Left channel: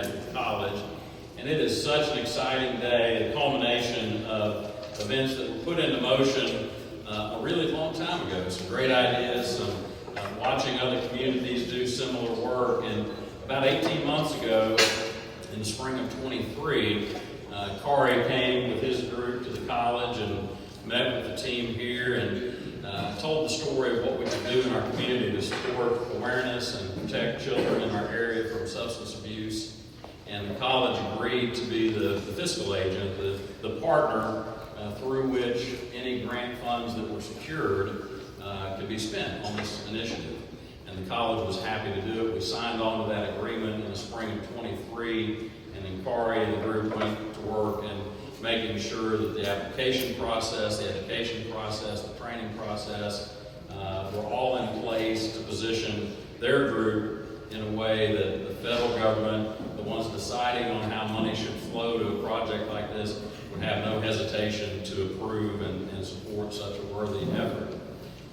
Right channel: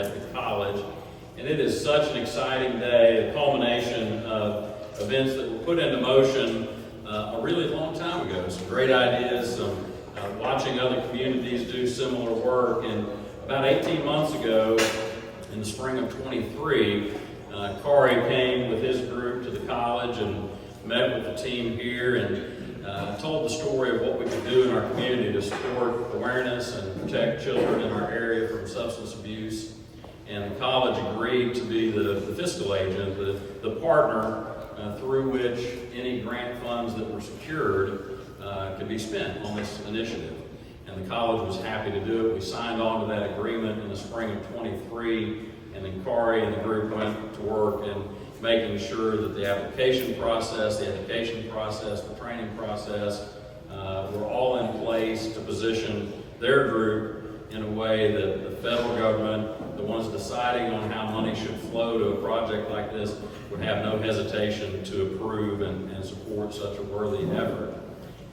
at the college. And it is such an exciting day, a culmination of events that were put into motion a really long time ago. Some great ideas, some watching other communities do similar work. And about 18 months ago, in the spring of 23, Kari came with his group to the college and met with the team here and told the story of what we can do in our community to support awareness and protect children in our area from substance abuse. And the college agreed to be the fiscal agent, the partner through which any grant funds that were secured could be spent on this initiative. And the college was happy to do it. We signed on to that agreement in the spring of 23, and then Kari and the group went to work and making sure that the application process, the education process, the training process were all in place to position their group in a way that the federal government, the ones deciding on how money should flow to a project like this, would have no hesitation to approve and support such a worthy effort.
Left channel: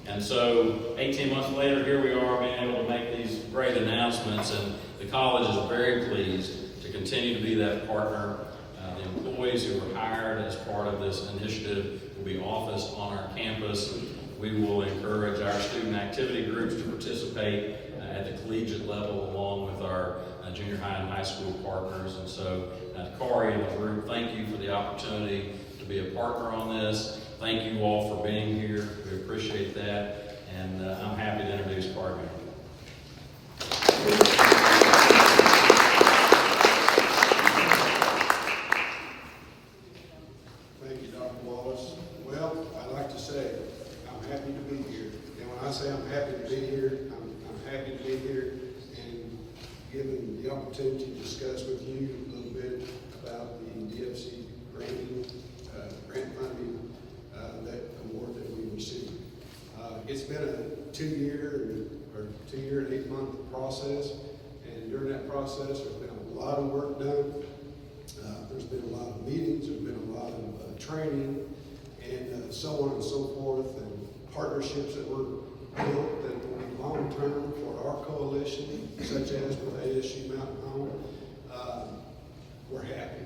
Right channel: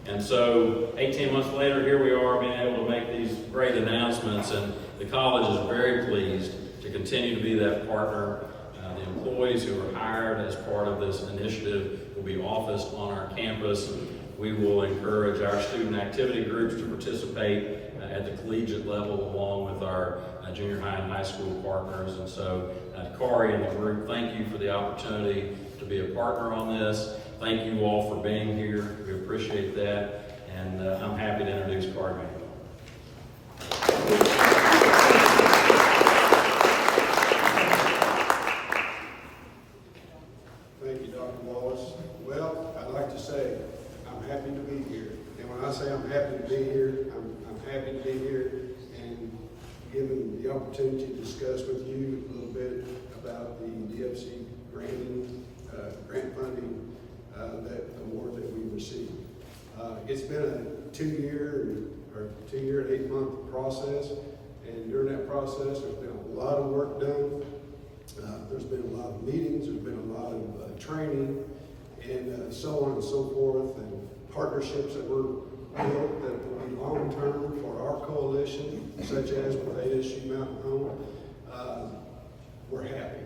And so 18 months later, here we are being able to make these great announcements, and the college is very pleased to continue to be that partner. The employees who are hired as part of this initiative will be officed on our campus. We will encourage our student activity groups to participate at the collegiate level along with our junior high and high school partners. And so Kari and the group, thank you for the opportunity to be a partner on this. Thank you all for being here. We appreciate that. And I'm happy to introduce Kari May. Thank you, Dr. Wallace. Well, I'd like to say I'm happy to be here. And when I say I'm happy to be here, I'm happy to be here and given the opportunity to discuss with you a little bit about the DFC grant funding, that award that we received. It's been a 2 year and 8 month process, and during that process there's been a lot of work done. There's been a lot of meetings, there's been a lot of training, and so on and so forth, and partnerships that were built that will be long term for our coalition, such as with ASU Mountain Home. We're happy.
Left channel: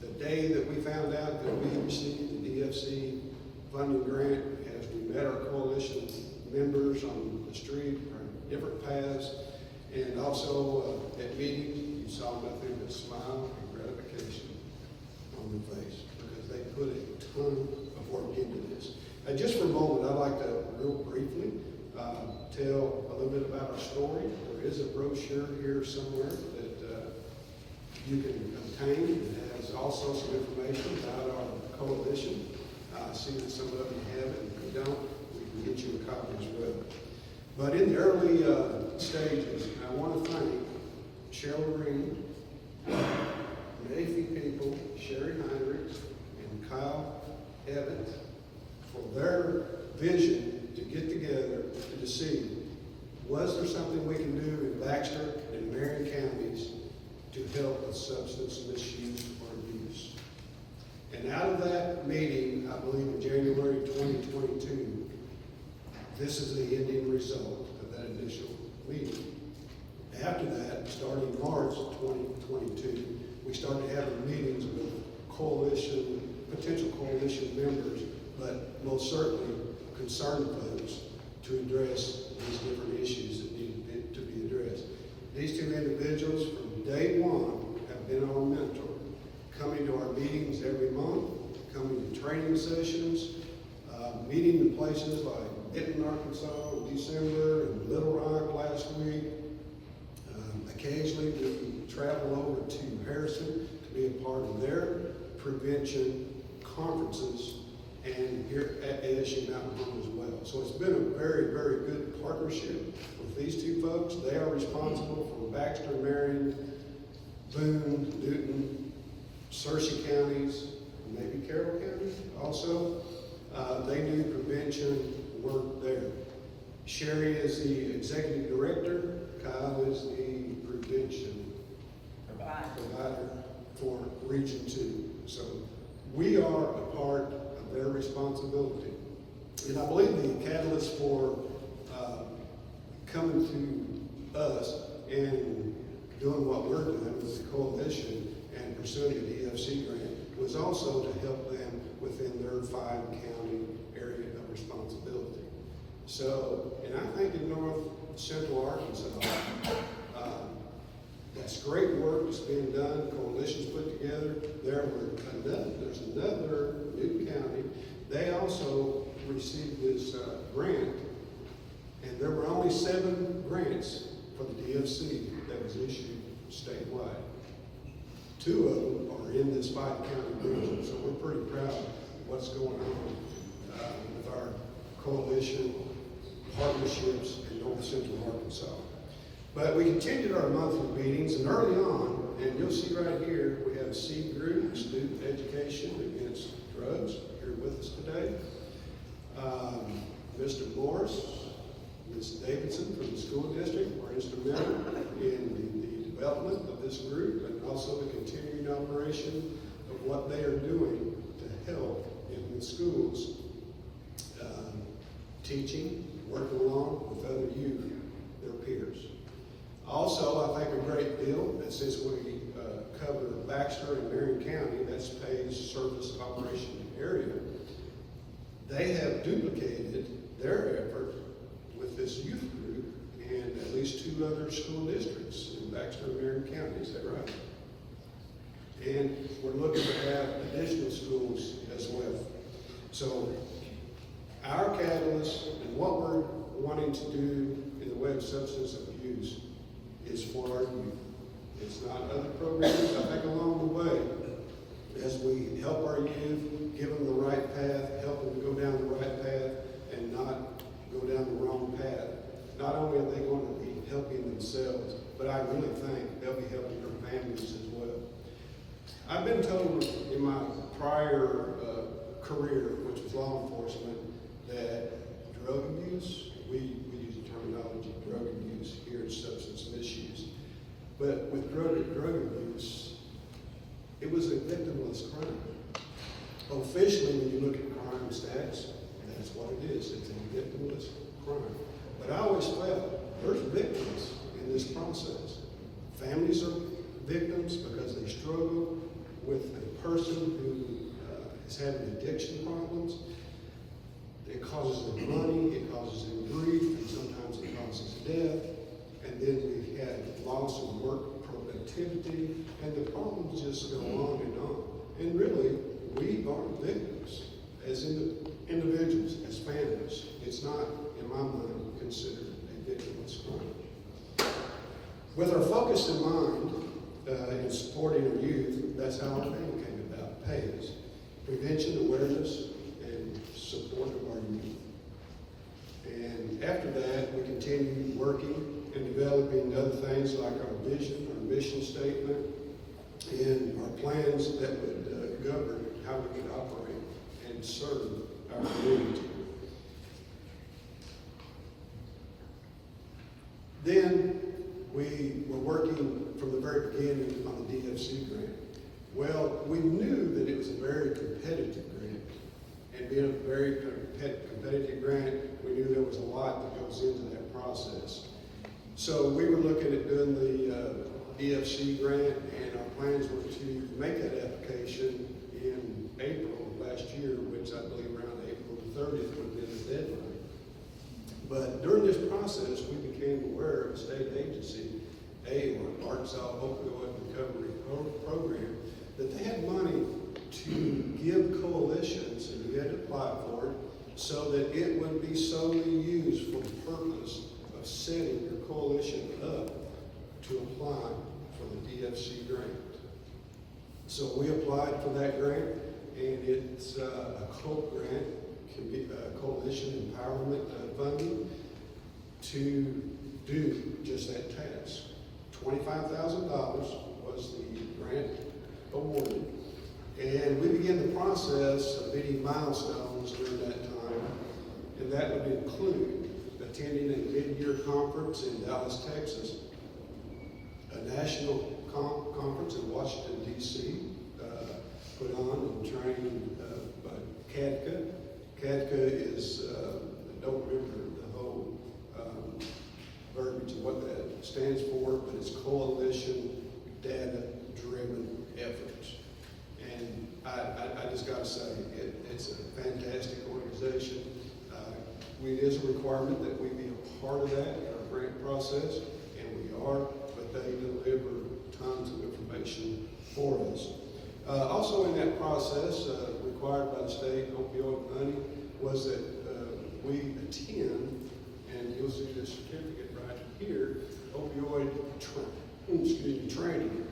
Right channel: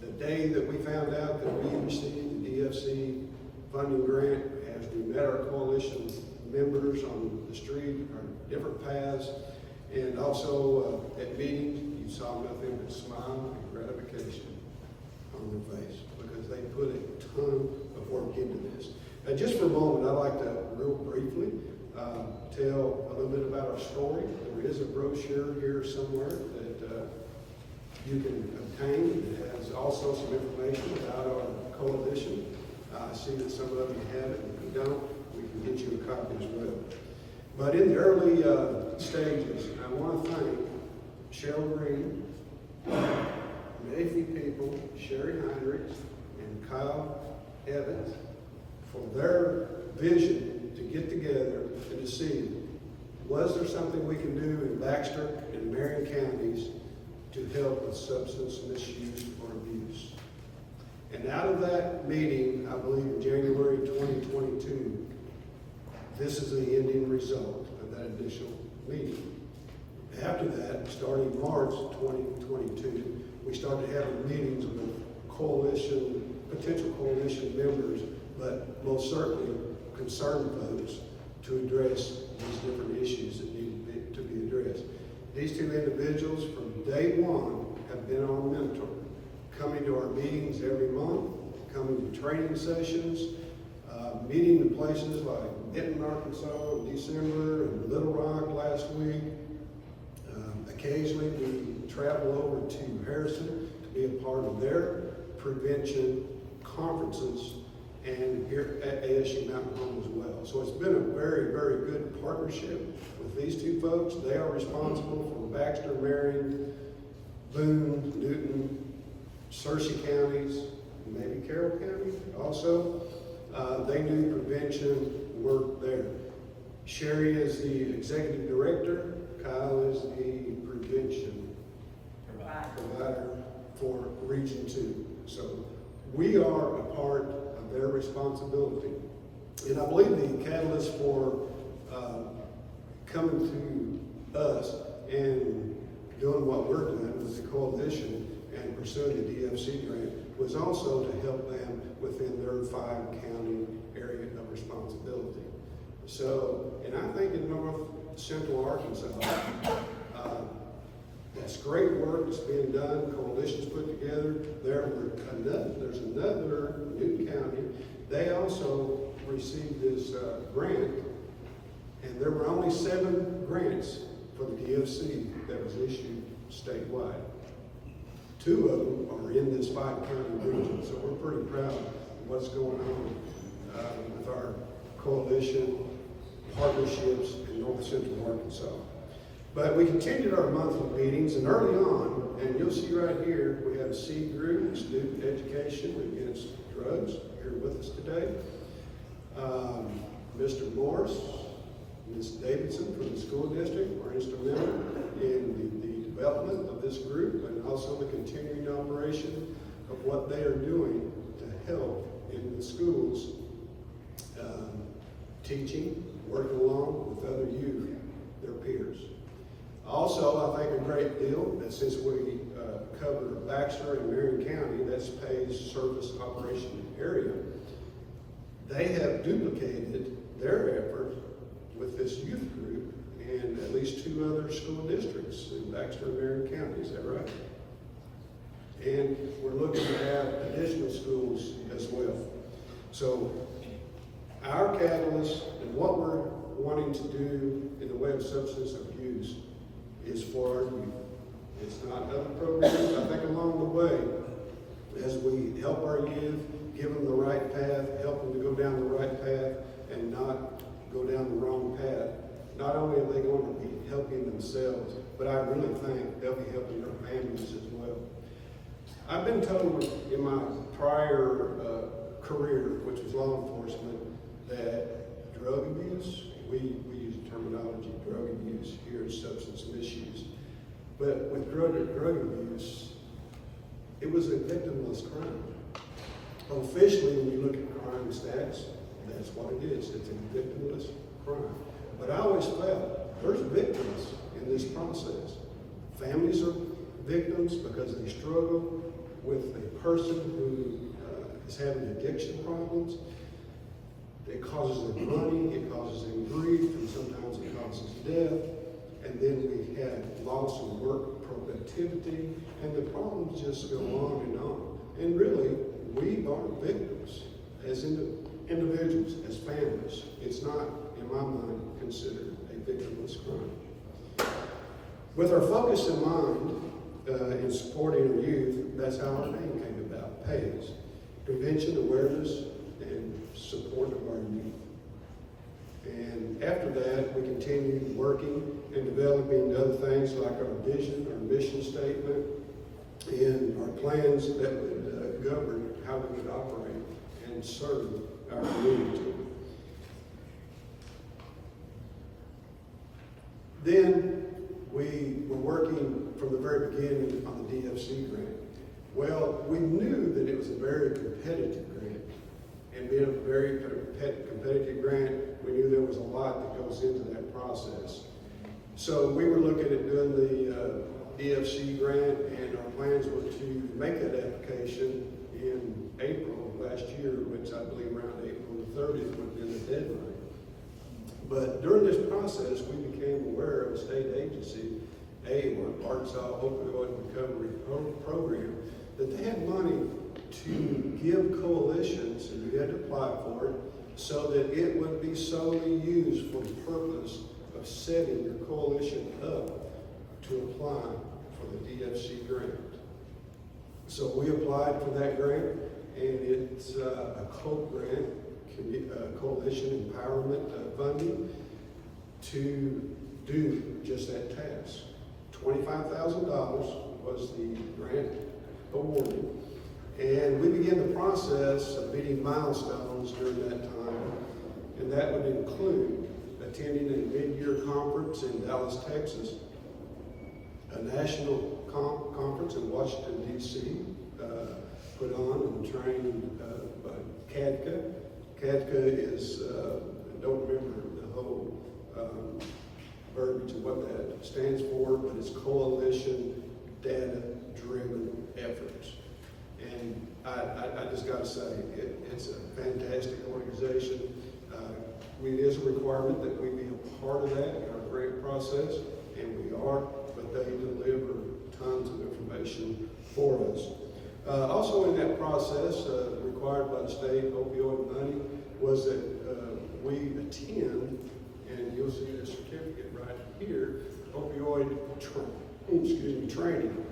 The day that we found out that we received the DFC funding grant, as we met our coalition members on the street, our different paths, and also at meetings, you saw nothing but smile and gratification on their face because they put a ton of work into this. Just for a moment, I'd like to real briefly tell a little bit about our story. There is a brochure here somewhere that you can obtain. It has also some information about our coalition. I see that some of you have it, and if you don't, we can get you a copy as well. But in the early stages, I want to thank Cheryl Green, Nathan People, Sherry Heinrichs, and Kyle Evans for their vision to get together and to see, was there something we can do in Baxter and Marion counties to help with substance misuse or abuse? And out of that meeting, I believe in January 2022, this is the ending result of that initial meeting. After that, starting March 2022, we started having meetings with potential coalition members, but most certainly concerned folks to address these different issues that need to be addressed. These two individuals from day one have been our mentor, coming to our meetings every month, coming to training sessions, meeting in places like Benton, Arkansas in December, and Little Rock last week. Occasionally we travel over to Harrison to be a part of their prevention conferences, and here at ASU Mountain Home as well. So it's been a very, very good partnership with these two folks. They are responsible for Baxter, Marion, Boone, Newton, Searcy counties, maybe Carroll County also. They do prevention work there. Sherry is the executive director. Kyle is the prevention provider for Region 2. So we are a part of their responsibility. And I believe the catalyst for coming to us and doing what we're doing with the coalition pursuing the DFC grant was also to help them within their 5-county area of responsibility. So, and I think in North Central Arkansas, that's great work that's being done, coalitions put together. There's another new county. They also received this grant, and there were only 7 grants for the DFC that was issued statewide. 2 of them are in this 5-county region, so we're pretty proud of what's going on with our coalition partnerships in North Central Arkansas. But we continued our monthly meetings, and early on, and you'll see right here, we have a seed group, Student Education Against Drugs, here with us today. Mr. Morris, Ms. Davidson from the school district were instrumental in the development of this group and also the continuing operation of what they are doing to help in the schools, teaching, working along with other youth, their peers. Also, I think a great deal that since we cover Baxter and Marion County, that's Pay's service operation area, they have duplicated their effort with this youth group in at least 2 other school districts in Baxter and Marion County. Is that right? And we're looking to have additional schools as well. So our catalyst and what we're wanting to do in the way of substance abuse is for our youth. It's not other programs. I think along the way, as we help our youth, give them the right path, help them to go down the right path and not go down the wrong path, not only are they going to be helping themselves, but I really think they'll be helping their families as well. I've been told in my prior career, which was law enforcement, that drug abuse, we use the terminology drug abuse here as substance misuse, but with drug abuse, it was a victimless crime. Officially, when you look at crime stats, that's what it is. It's a victimless crime. But I always felt there's victims in this process. Families are victims because they struggle with a person who is having addiction problems. It causes them money, it causes them grief, and sometimes it causes death. And then we had loss of work productivity, and the problems just go on and on. And really, we are victims as individuals, as families. It's not, in my mind, considered a victimless crime. With our focus in mind in supporting our youth, that's how our name came about, PAYS. Prevention, awareness, and support of our youth. And after that, we continued working and developing other things like our vision, our mission statement, and our plans that would govern how we would operate and serve our community. Then we were working from the very beginning on the DFC grant. Well, we knew that it was a very competitive grant. And being a very competitive grant, we knew there was a lot that goes into that process. So we were looking at doing the DFC grant, and our plans were to make that application in April of last year, which I believe around April the 30th would have been the deadline. But during this process, we became aware of a state agency, Arkansas Opioid Recovery Program, that they had money to give coalitions, and you had to apply for it, so that it would be solely used for the purpose of setting your coalition up to apply for the DFC grant. So we applied for that grant, and it's a COPE grant, Coalition Empowerment Funding, to do just that task. $25,000 was the grant awarded, and we began the process of meeting milestones during that time, and that would include attending a mid-year conference in Dallas, Texas, a national conference in Washington, D.C., put on and trained by CADCA. CADCA is, I don't remember the whole verbiage of what that stands for, but it's Coalition Data Driven efforts. And I just gotta say, it's a fantastic organization. It is a requirement that we be a part of that in our grant process, and we are, but they deliver tons of information for us. Also in that process, required by the state opioid money, was that we attend, and you'll see this certificate right here, opioid training.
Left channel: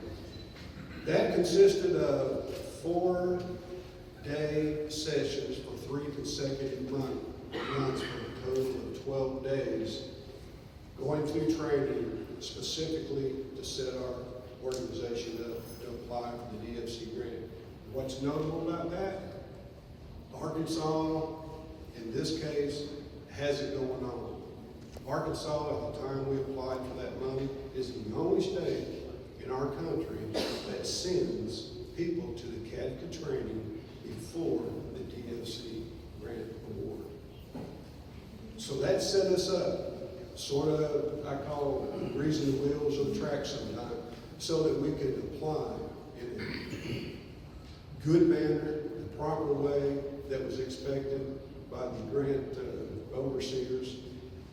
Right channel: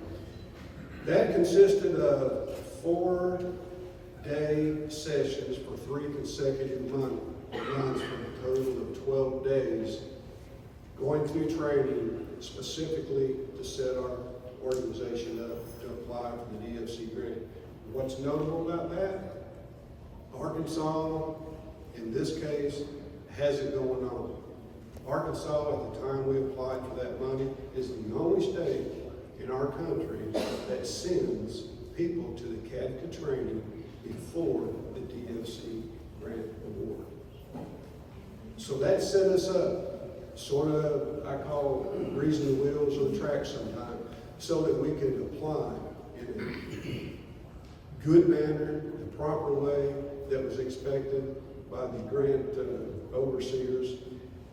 That consisted of 4-day sessions for 3 consecutive months for a total of 12 days, going through training specifically to set our organization up to apply for the DFC grant. What's notable about that? Arkansas, in this case, has it going on. Arkansas, at the time we applied for that money, is the only state in our country that sends people to the CADCA training before the DFC grant award. So that set us up, sort of, I call greasing the wheels of the track sometimes, so that we could apply in a good manner, the proper way that was expected by the grant overseers,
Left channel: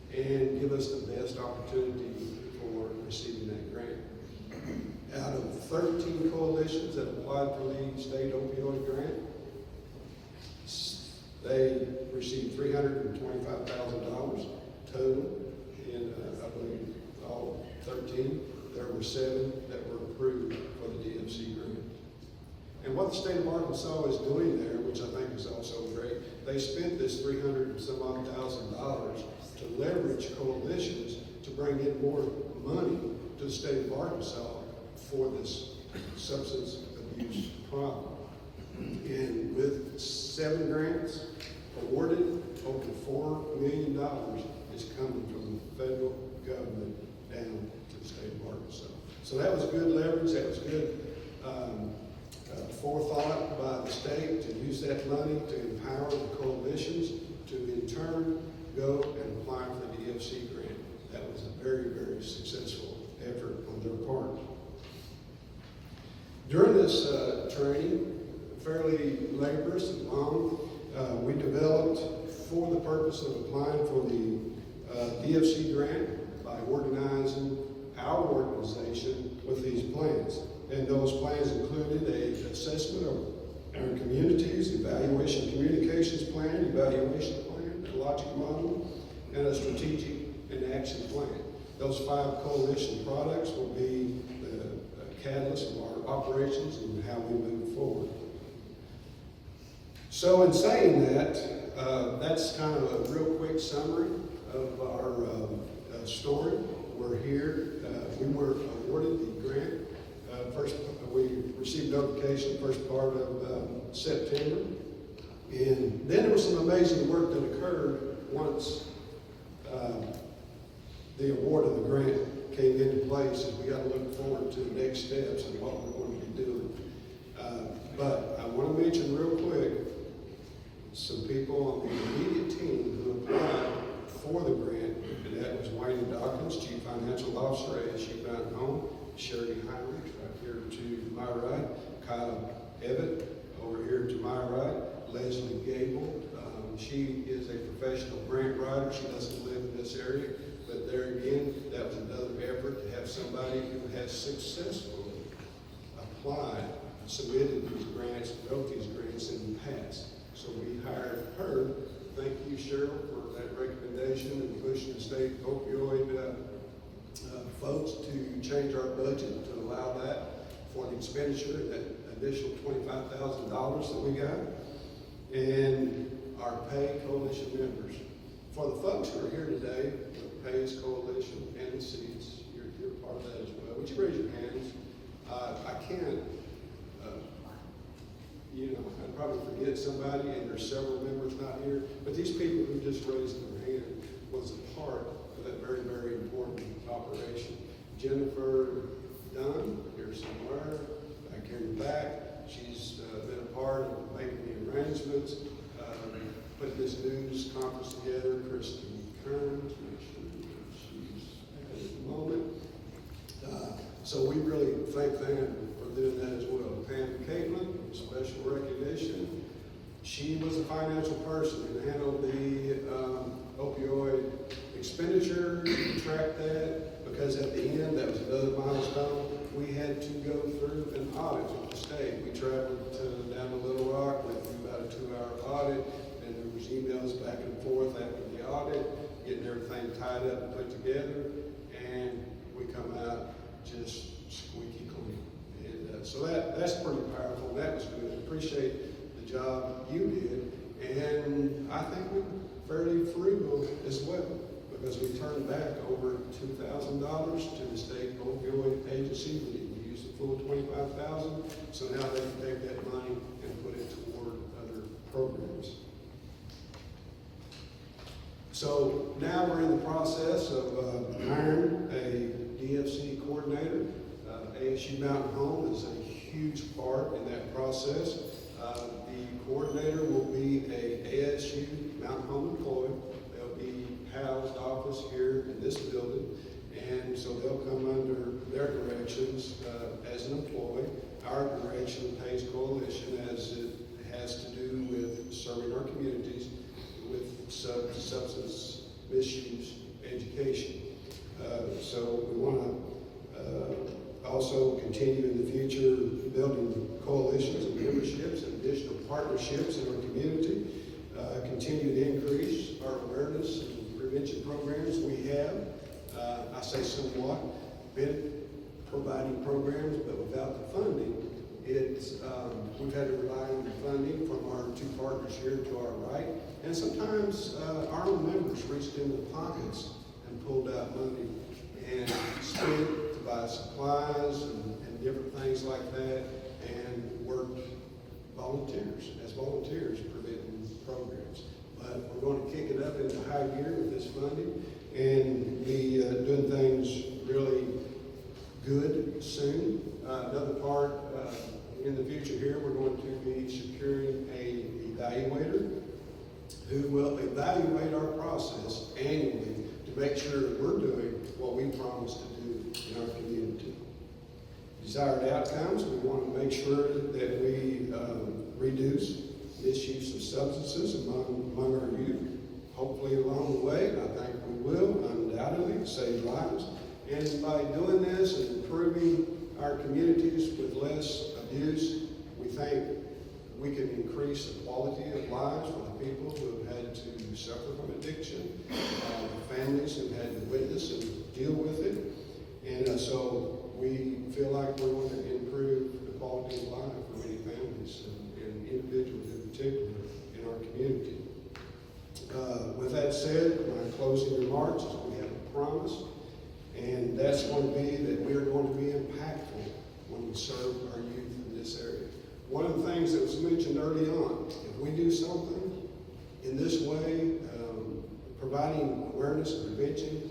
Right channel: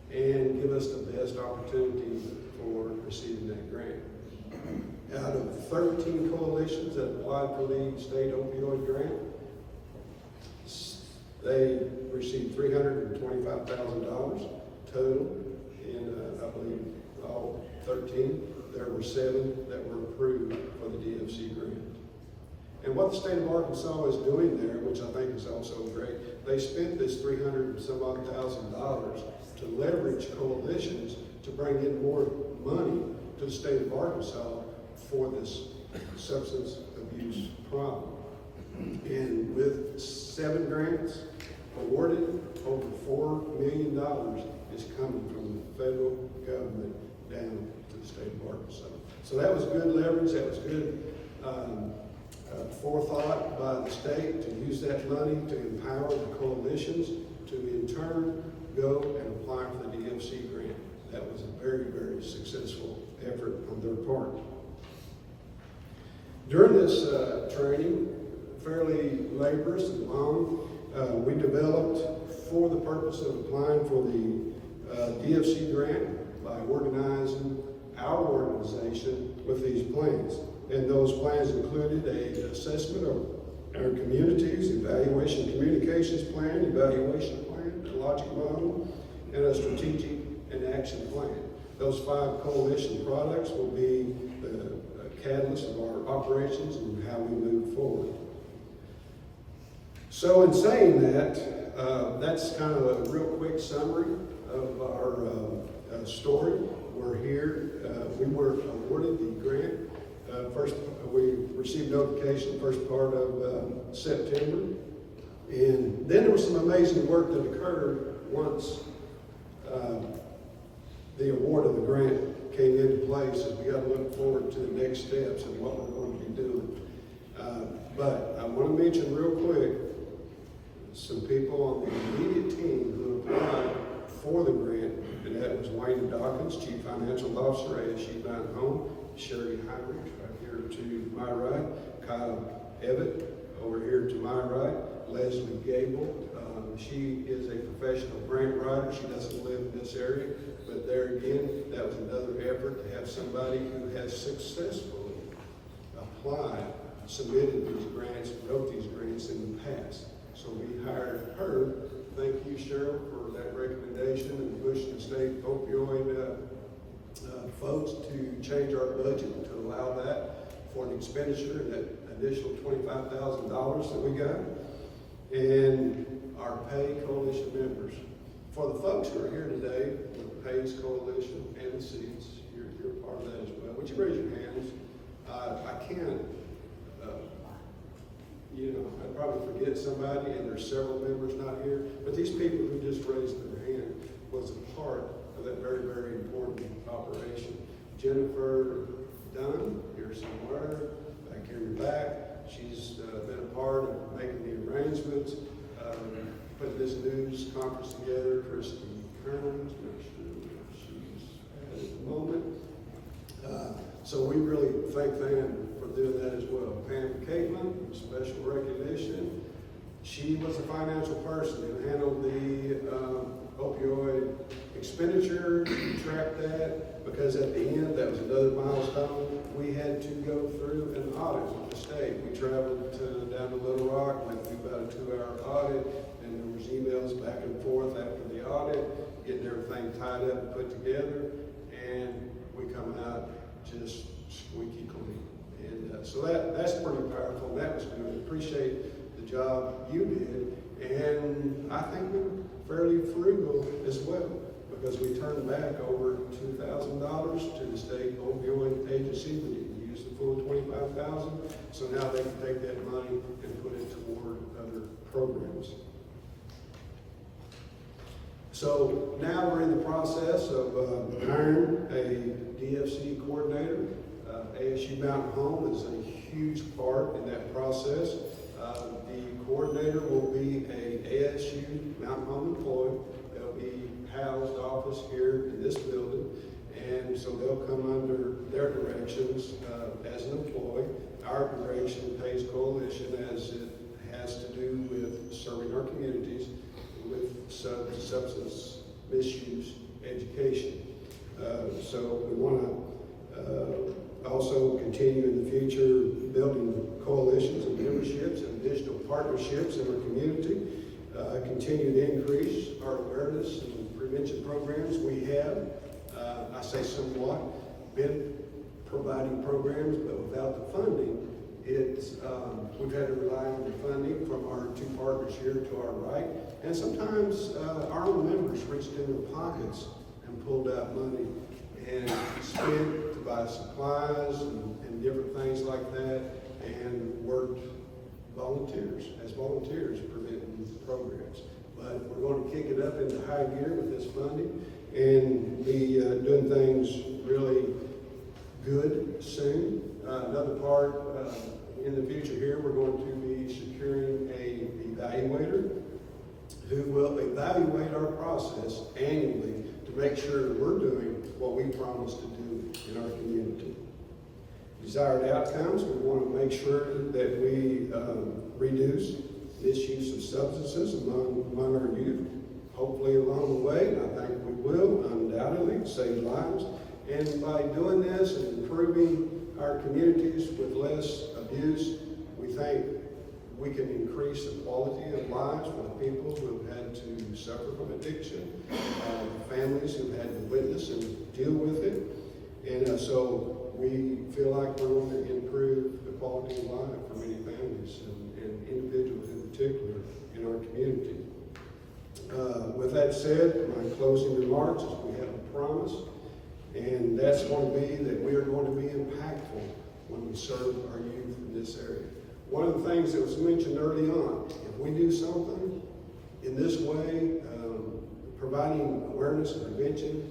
and give us the best opportunity for receiving that grant. Out of 13 coalitions that applied for the state opioid grant, they received $325,000 total in, I believe, all 13. There were 7 that were approved for the DFC grant. And what the state of Arkansas is doing there, which I think is also great, they spent this $300,000 and some odd to leverage coalitions to bring in more money to the state of Arkansas for this substance abuse problem. And with 7 grants awarded, over $4 million is coming from the federal government down to the state of Arkansas. So that was good leverage, that was good forethought by the state to use that money to empower the coalitions to in turn go and apply for the DFC grant. That was a very, very successful effort on their part. During this training, fairly laborious and long, we developed, for the purpose of applying for the DFC grant, by organizing our organization with these plans. And those plans included an assessment of our communities, evaluation communications plan, evaluation plan, a logic model, and a strategic and action plan. Those 5 coalition products will be the catalyst of our operations and how we move forward. So in saying that, that's kind of a real quick summary of our story. We're here. We were awarded the grant. First, we received notification first part of September. And then there was some amazing work that occurred once the award of the grant came into place, and we got to look forward to the next steps and what we're going to be doing. But I want to mention real quick some people on the immediate team who applied for the grant, and that was Wayne Dawkins, Chief Financial Officer, ASU Mountain Home, Sherry Heinrich, right here to my right, Kyle Evett, over here to my right, Leslie Gable. She is a professional grant writer. She doesn't live in this area, but there again, that was another effort to have somebody who has successfully applied, submitted these grants, wrote these grants in the past. So we hired her. Thank you, Cheryl, for that recommendation and pushing the state opioid folks to change our budget to allow that for the expenditure and that initial $25,000 that we got. And our PAY Coalition members. For the folks who are here today with PAY's Coalition and the seats, you're part of that as well. Would you raise your hands? I can't, I'd probably forget somebody, and there's several members not here, but these people who just raised their hand was a part of that very, very important operation. Jennifer Dunn, here somewhere, back here in the back, she's been a part of making the arrangements, putting this news conference together. Christy Kearns, not sure where she's at the moment. So we really thank them for doing that as well. go through an audit with the state. We traveled down to Little Rock, went through about a 2-hour audit, and there was emails back and forth after the audit, getting everything tied up and put together, and we come out just squeaky clean. And so that's pretty powerful. That was good. Appreciate the job you did, and I think we were fairly frugal as well, because we turned back over $2,000 to the state opioid agency. We didn't use the full $25,000, so now they can take that money and put it toward other programs. So now we're in the process of hiring a DFC coordinator. ASU Mountain Home is a huge part in that process. The coordinator will be a ASU Mountain Home employee. They'll be housed office here in this building, and so they'll come under their directions as an employee. Our direction, PACE Coalition, as it has to do with serving our communities with substance misuse education. So we want to also continue in the future building coalitions and memberships and additional partnerships in our community. Continue to increase our awareness and prevention programs we have. I say somewhat been providing programs, but without the funding, we've had to rely on the funding from our two partners here to our right, and sometimes our own members reached in their pockets and pulled out money and spent to buy supplies and different things like that, and worked as volunteers preventing programs. But we're going to kick it up into high gear with this funding and be doing things really good soon. Another part in the future here, we're going to be securing an evaluator who will evaluate our process annually to make sure that we're doing what we promised to do in our community. Desired outcomes, we want to make sure that we reduce misuse of substances among our youth. Hopefully along the way, I think we will undoubtedly save lives. And by doing this and improving our communities with less abuse, we think we can increase the quality of lives for the people who have had to suffer from addiction, the families who have had to witness and deal with it. And so we feel like we're going to improve the quality of life for many families and individuals in particular in our community. With that said, my closing remarks is we have a promise, and that's going to be that we are going to be impactful when we serve our youth in this area. One of the things that was mentioned early on, if we do something in this way, providing awareness and prevention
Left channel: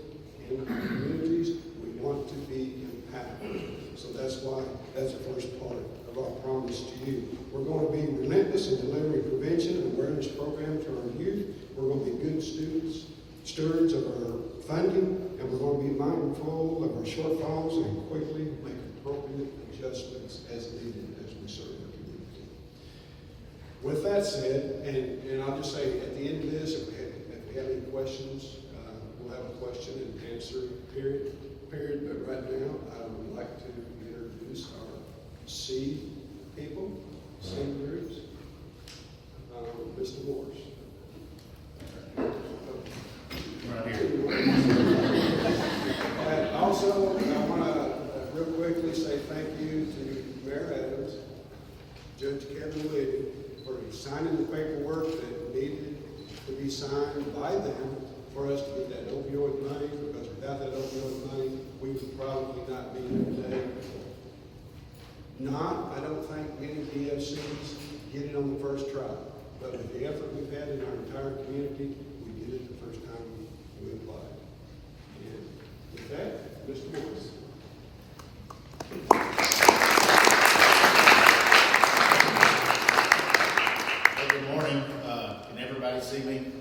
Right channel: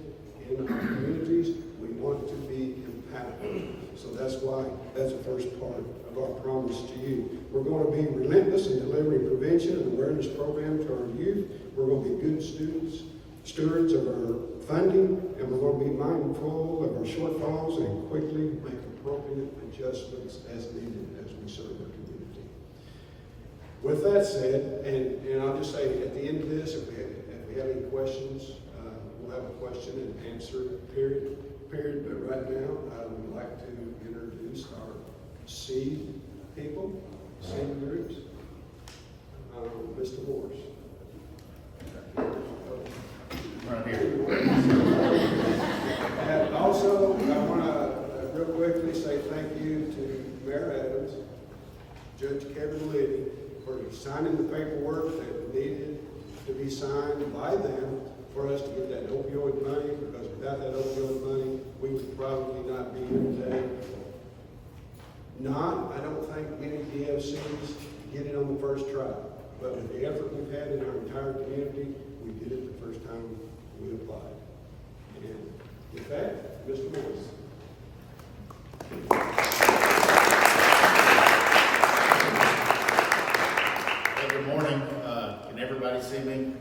in our communities, we want to be impactful. So that's why that's the first part of our promise to you. We're going to be relentless in delivering prevention and awareness programs to our youth. We're going to be good stewards of our funding, and we're going to be mindful of our shortfalls and quickly make appropriate adjustments as needed as we serve our community. With that said, and I'll just say at the end of this, if we have any questions, we'll have a question and answer period. But right now, I would like to introduce our seed people, seed groups. Mr. Morris. And also, I want to real quickly say thank you to Mayor Adams, Judge Kevin Liddy, for signing the paperwork that needed to be signed by them for us to get that opioid money, because without that opioid money, we would probably not be here today. I don't think many DFCs get it on the first try, but with the effort we've had in our entire community, we did it the first time we applied. And with that, Mr. Morris. Hey, good morning. Can everybody see me?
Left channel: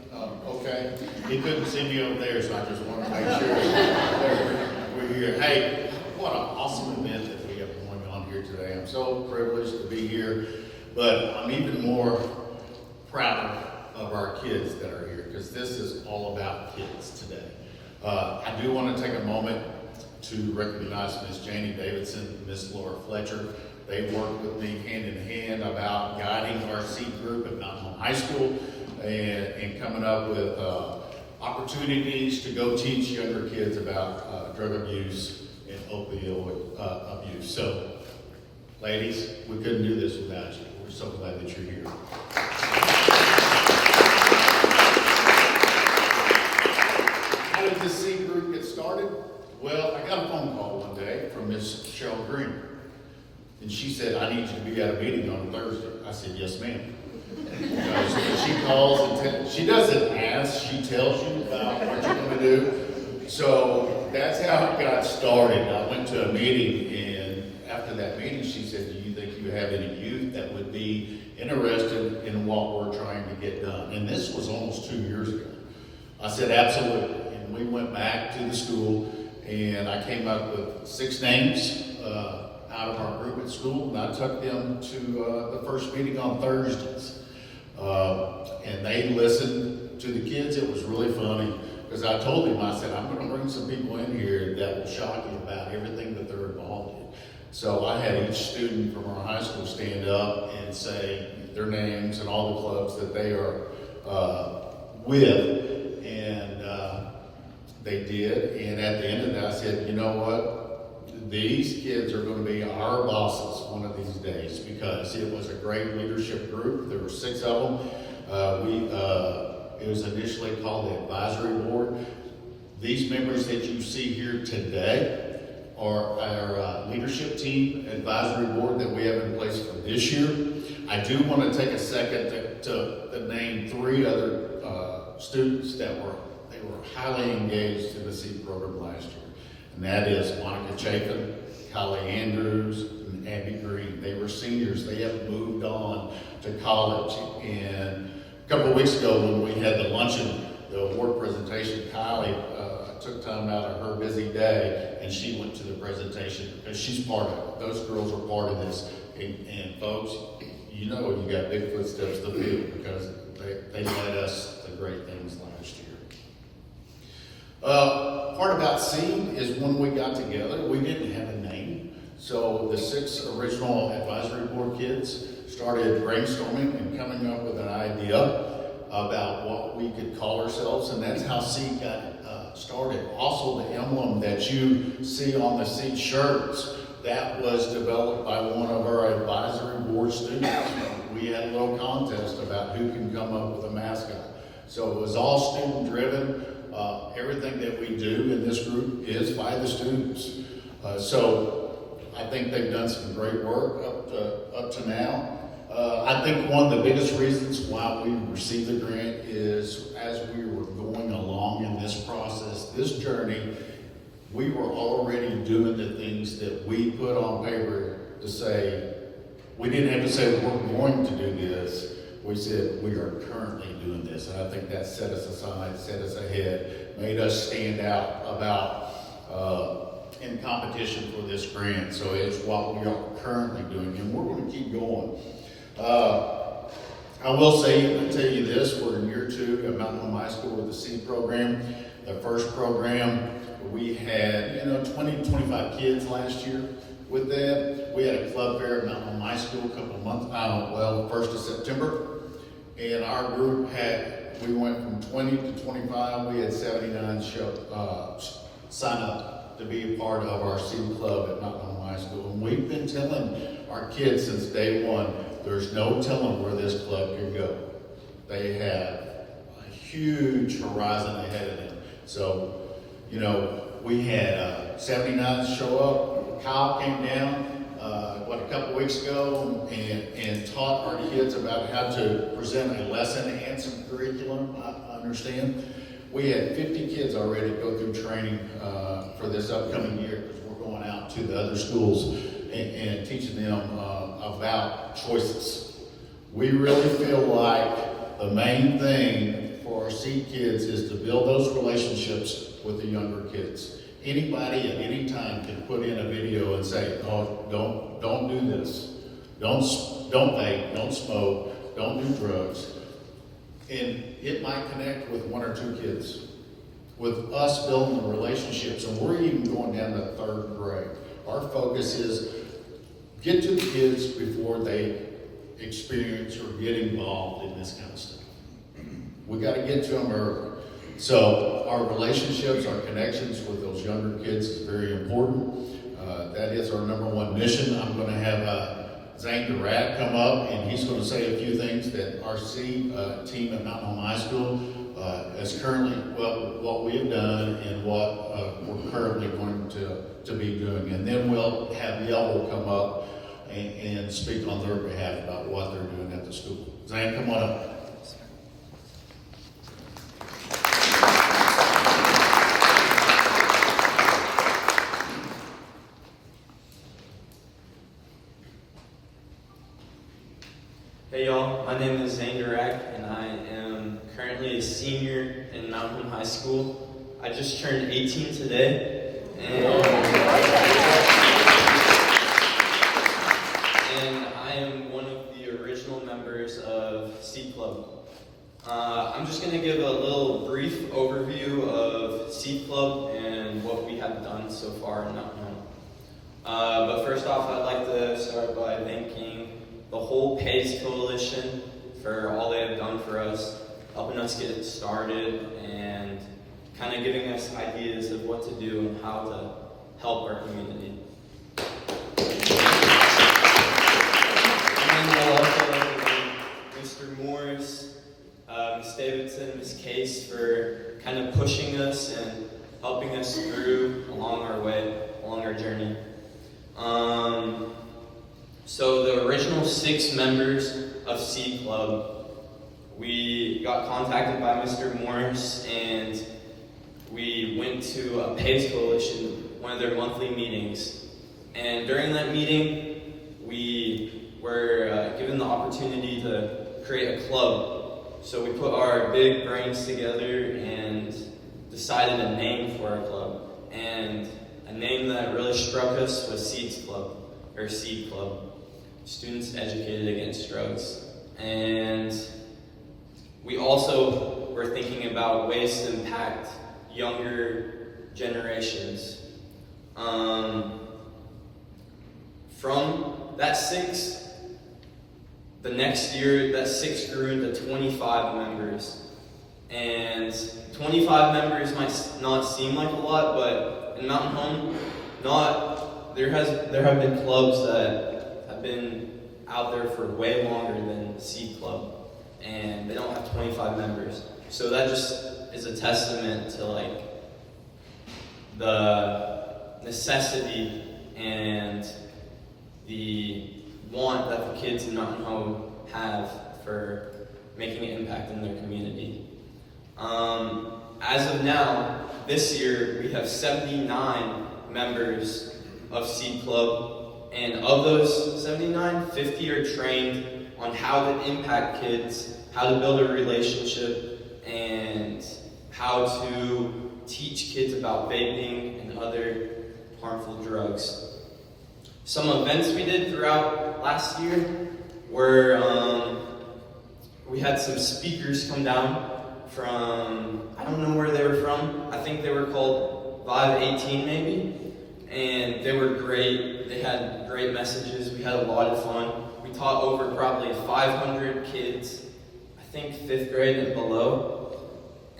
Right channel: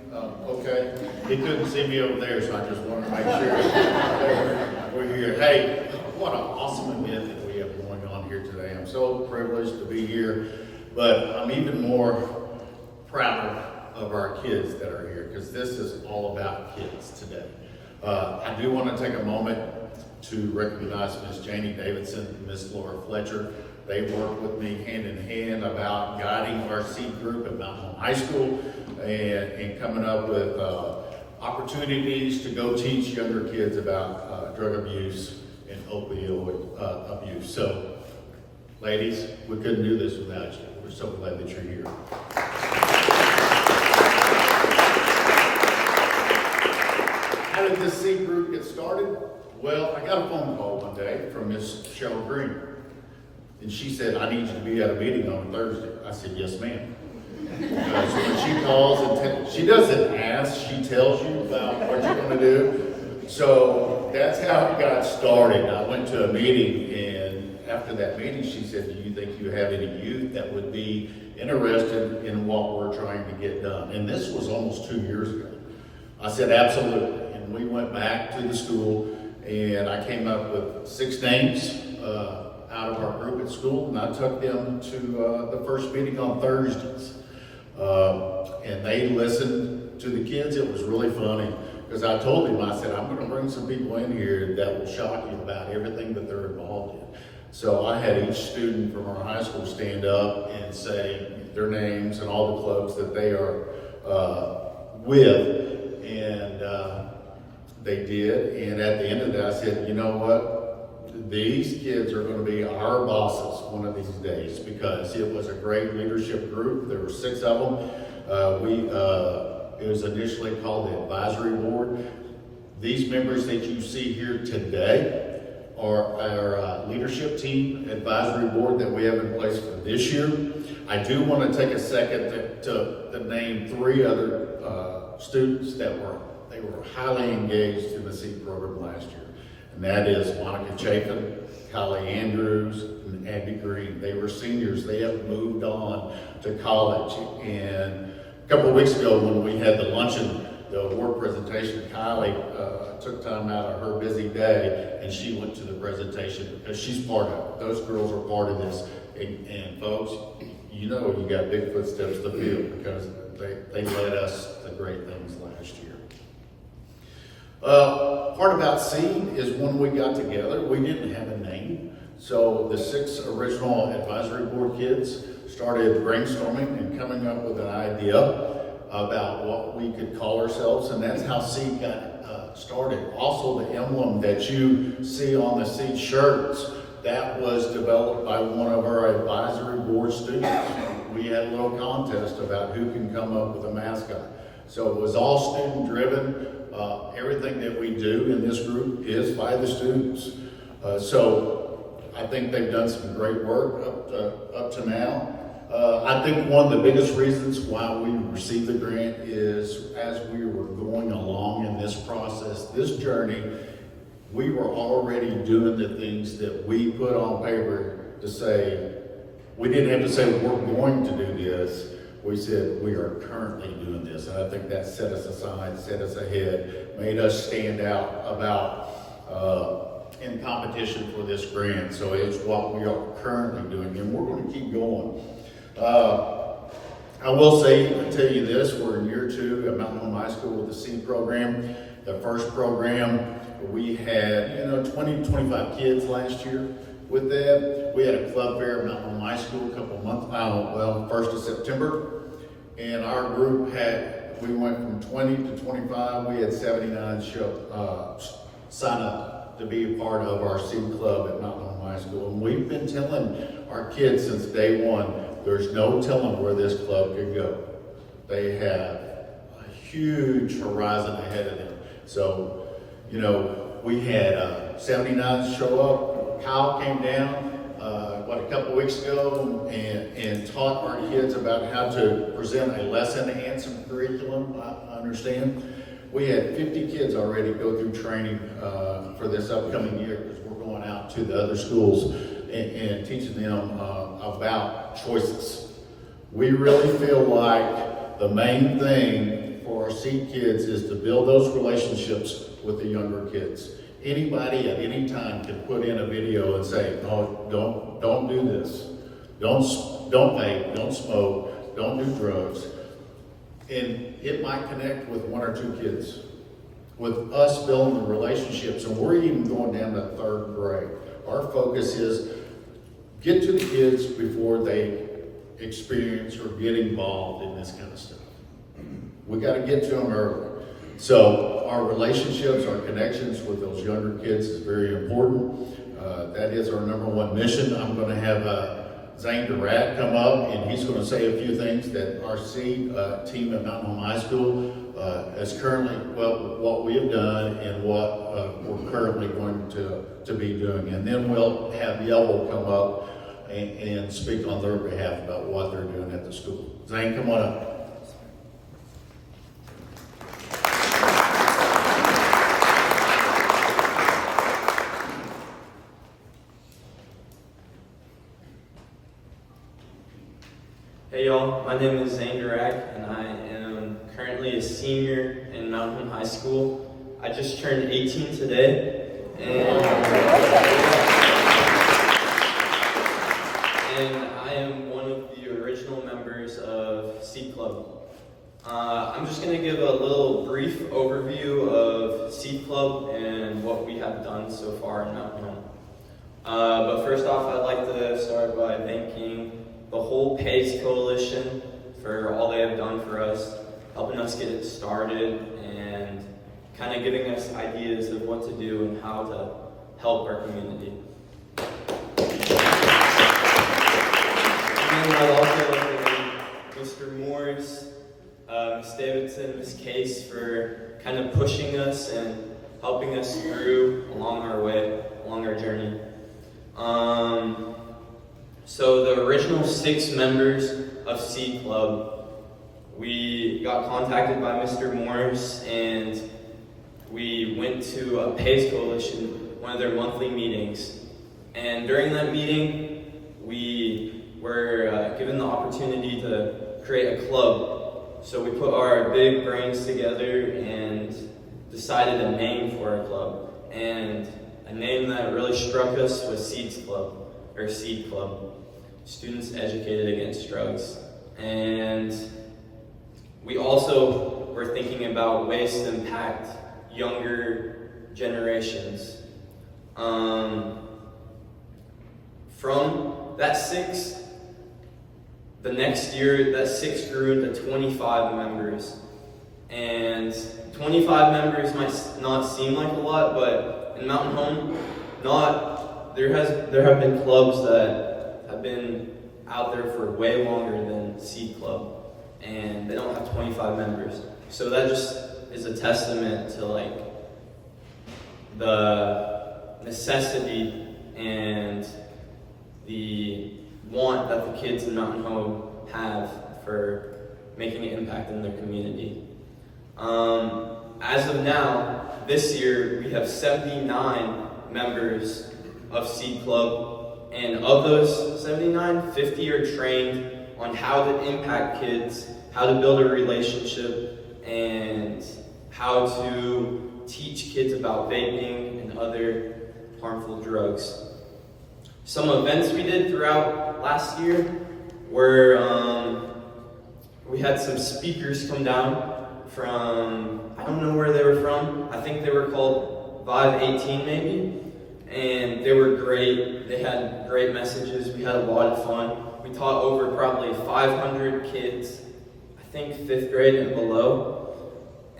Okay. He couldn't see me over there, so I just wanted to make sure we're here. Hey, what an awesome event that we have going on here today. I'm so privileged to be here, but I'm even more proud of our kids that are here, because this is all about kids today. I do want to take a moment to recognize Miss Janie Davidson and Miss Laura Fletcher. They worked with me hand in hand about guiding our seed group at Mountain Home High School and coming up with opportunities to go teach younger kids about drug abuse and opioid abuse. So, ladies, we couldn't do this without you. We're so glad that you're here. How did this seed group get started? Well, I got a phone call one day from Miss Cheryl Green. And she said, I need you to be at a meeting on Thursday. I said, yes, ma'am. Because when she calls and she doesn't ask, she tells you about what you're going to do. So that's how it got started. I went to a meeting, and after that meeting, she said, do you think you have any youth that would be interested in what we're trying to get done? And this was almost 2 years ago. I said, absolutely. And we went back to the school, and I came up with 6 names out of our group at school, and I took them to the first meeting on Thursdays. And they listened to the kids. It was really funny, because I told them, I said, I'm going to bring some people in here that will shock you about everything that they're involved in. So I had each student from our high school stand up and say their names and all the clubs that they are with, and they did. And at the end of that, I said, you know what? These kids are going to be our bosses one of these days, because it was a great leadership group. There were 6 of them. It was initially called the advisory board. These members that you see here today are our leadership team advisory board that we have in place for this year. I do want to take a second to name 3 other students that were highly engaged in the SEED program last year. And that is Monica Chapin, Kylie Andrews, and Abby Green. They were seniors. They have moved on to college. And a couple of weeks ago when we had the luncheon, the award presentation, Kylie took time out of her busy day, and she went to the presentation because she's part of it. Those girls are part of this. And folks, you know you got big footsteps to fill, because they led us to great things last year. Part about SEED is when we got together, we didn't have a name. So the 6 original advisory board kids started brainstorming and coming up with an idea about what we could call ourselves, and that's how SEED got started. Also, the emblem that you see on the SEED shirts, that was developed by one of our advisory board students. We had a little contest about who can come up with a mascot. So it was all student driven. Everything that we do in this group is by the students. So I think they've done some great work up to now. I think one of the biggest reasons why we received the grant is as we were going along in this process, this journey, we were already doing the things that we put on paper to say, we didn't have to say we're going to do this. We said we are currently doing this. And I think that set us aside, set us ahead, made us stand out about in competition for this grant. So it's what we are currently doing, and we're going to keep going. I will say, I'll tell you this, we're in year 2 at Mountain Home High School with the SEED program. The first program, we had 20 to 25 kids last year. With that, we had a club fair at Mountain Home High School a couple of months, 1st of September. And our group we went from 20 to 25, we had 79 sign up to be a part of our SEED club at Mountain Home High School. And we've been telling our kids since day one, there's no telling where this club can go. They have a huge horizon ahead of them. So, we had 79 show up. Kyle came down, a couple weeks ago and taught our kids about how to present a lesson and some curriculum, I understand. We had 50 kids already go through training for this upcoming year, because we're going out to the other schools and teaching them about choices. We really feel like the main thing for our SEED kids is to build those relationships with the younger kids. Anybody at any time can put in a video and say, "Oh, don't do this. Don't vape. Don't smoke. Don't do drugs." And it might connect with 1 or 2 kids. with us building the relationships, and we're even going down to 3rd grade. Our focus is get to the kids before they experience or get involved in this kind of stuff. We got to get to them early. So our relationships, our connections with those younger kids is very important. That is our #1 mission. I'm going to have Zane Durant come up, and he's going to say a few things that our seed team at Mountain Home High School is currently, well, what we have done and what we're currently going to be doing. And then we'll have Yellow come up and speak on their behalf about what they're doing at the school. Zane, come on up. Hey y'all, my name is Zane Durak, and I am currently a senior in Mountain Home High School. I just turned 18 today, and I am one of the original members of Seed Club. I'm just going to give a little brief overview of Seed Club and what we have done so far in Mountain Home. But first off, I'd like to start by thanking the whole PACE Coalition for all they have done for us, helping us get it started and kind of giving us ideas of what to do and how to help our community. And then I'd also like to thank Mr. Morris, Ms. Davidson, Ms. Case for kind of pushing us and helping us through along our way, along our journey. So the original 6 members of Seed Club, we got contacted by Mr. Morris, and we went to a PACE Coalition, one of their monthly meetings. And during that meeting, we were given the opportunity to create a club. So we put our big brains together and decided a name for our club. And a name that really struck us was Seed Club. Students Educated Against Drugs. And we also were thinking about ways to impact younger generations. From that 6, the next year, that 6 grew into 25 members. And 25 members might not seem like a lot, but in Mountain Home, there have been clubs that have been out there for way longer than Seed Club, and they don't have 25 members. So that just is a testament to like the necessity and the want that the kids in Mountain Home have for making an impact in their community. As of now, this year we have 79 members of Seed Club. And of those 79, 50 are trained on how to impact kids, how to build a relationship, and how to teach kids about vaping and other harmful drugs. Some events we did throughout last year were, we had some speakers come down from, I don't know where they were from. I think they were called Vibe 18 maybe. And they were great. They had great messages. We had a lot of fun. We taught over probably 500 kids, I think 5th grade and below.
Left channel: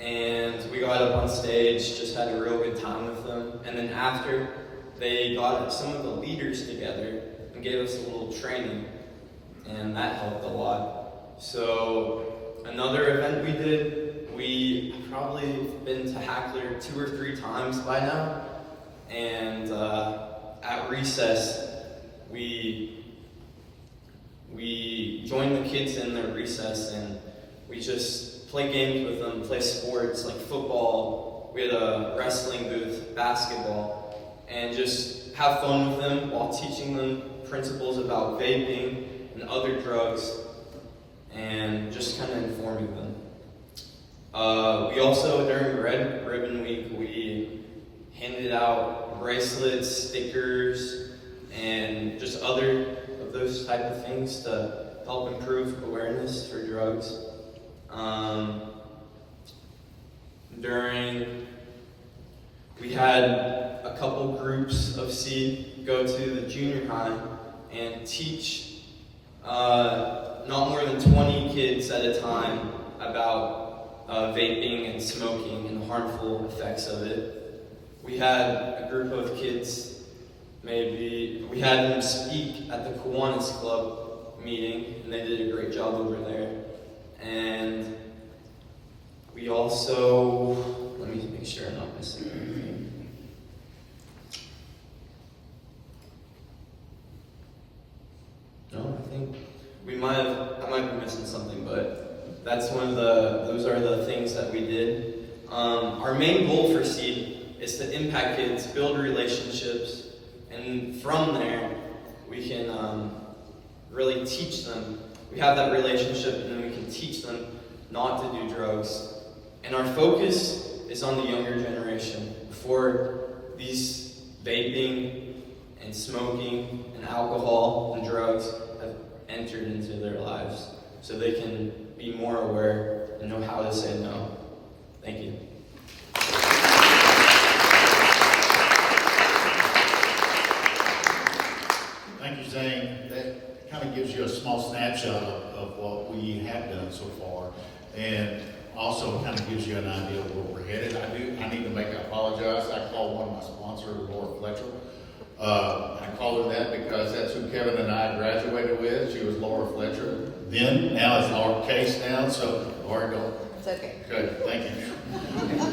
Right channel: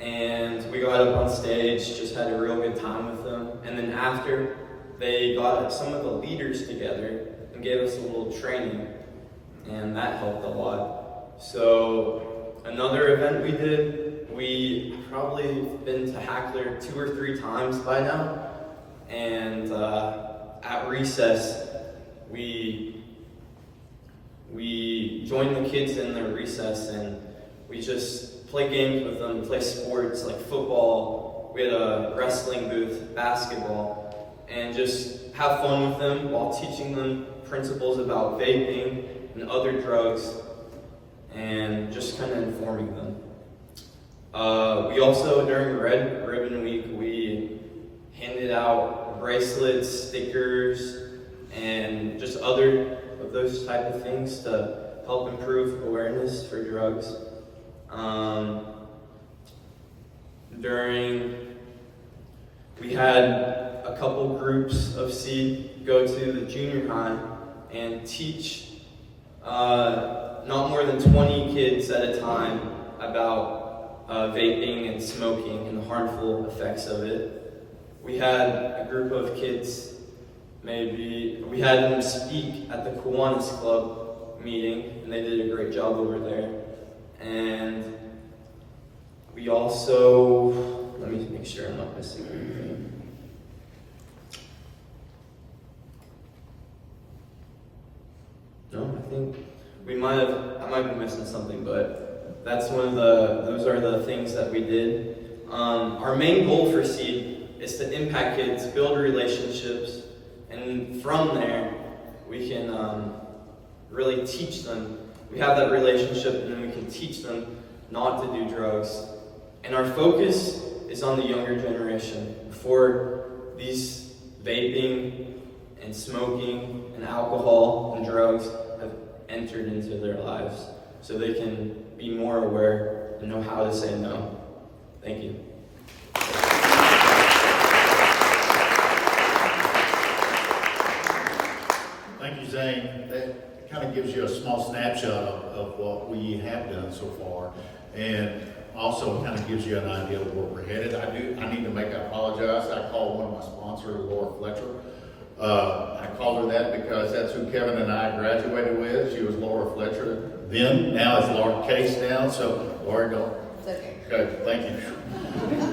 And we got up on stage, just had a real good time with them. And then after, they got some of the leaders together and gave us a little training. And that helped a lot. So another event we did, we probably been to Hackler 2 or 3 times by now. And at recess, we joined the kids in their recess, and we just play games with them, play sports like football. We had a wrestling booth, basketball, and just have fun with them while teaching them principles about vaping and other drugs, and just kind of informing them. We also, during Red Ribbon Week, we handed out bracelets, stickers, and just other of those type of things to help improve awareness for drugs. During We had a couple groups of Seed go to the junior high and teach not more than 20 kids at a time about vaping and smoking and the harmful effects of it. We had a group of kids, we had them speak at the Kiwanis Club meeting, and they did a great job over there. And we also, let me make sure I'm not missing anything. No, I think I might be missing something, but that's those are the things that we did. Our main goal for Seed is to impact kids, build relationships, and from there, we can really teach them. We have that relationship, and then we can teach them not to do drugs. And our focus is on the younger generation, before these vaping and smoking and alcohol and drugs have entered into their lives, so they can be more aware and know how to say no. Thank you. Thank you, Zane. That kind of gives you a small snapshot of what we have done so far, and also kind of gives you an idea of where we're headed. I need to apologize. I called one of my sponsors, Laura Fletcher. I called her that because that's who Kevin and I graduated with. She was Laura Fletcher then. Now it's Laura Case now. So Laura, don't. It's okay. Okay, thank you.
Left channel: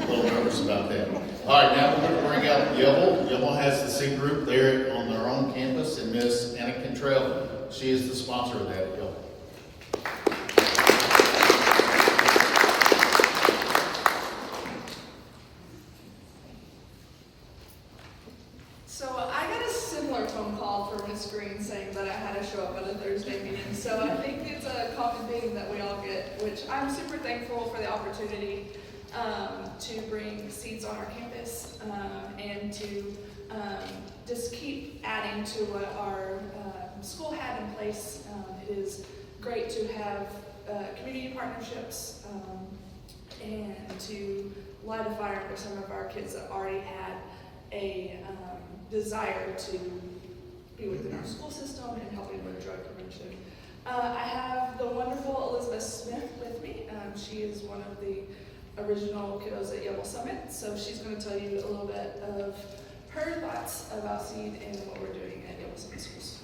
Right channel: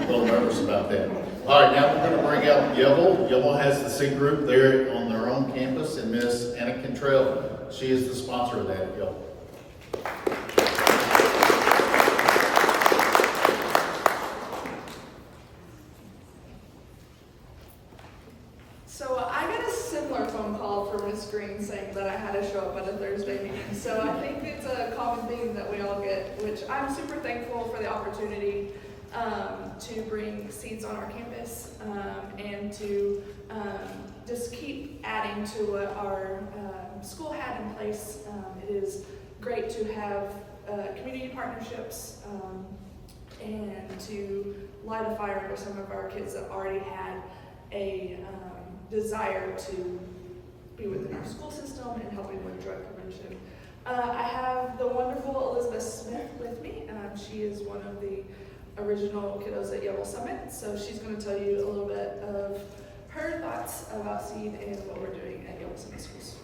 A little nervous about that. All right, now we're going to bring out Yellow. Yellow has the Seed group there on their own campus, and Miss Anna Cantrell, she is the sponsor of that. Yellow. So I got a similar phone call from Miss Green saying that I had to show up at a Thursday meeting. So I think it's a common theme that we all get, which I'm super thankful for the opportunity to bring Seeds on our campus and to just keep adding to what our school had in place. It is great to have community partnerships and to light a fire under some of our kids that already had a desire to be within our school system and helping with drug prevention. I have the wonderful Elizabeth Smith with me. She is one of the original kiddos at Yellow Summit, so she's going to tell you a little bit of her thoughts about Seed and what we're doing at Yellow Summit Schools.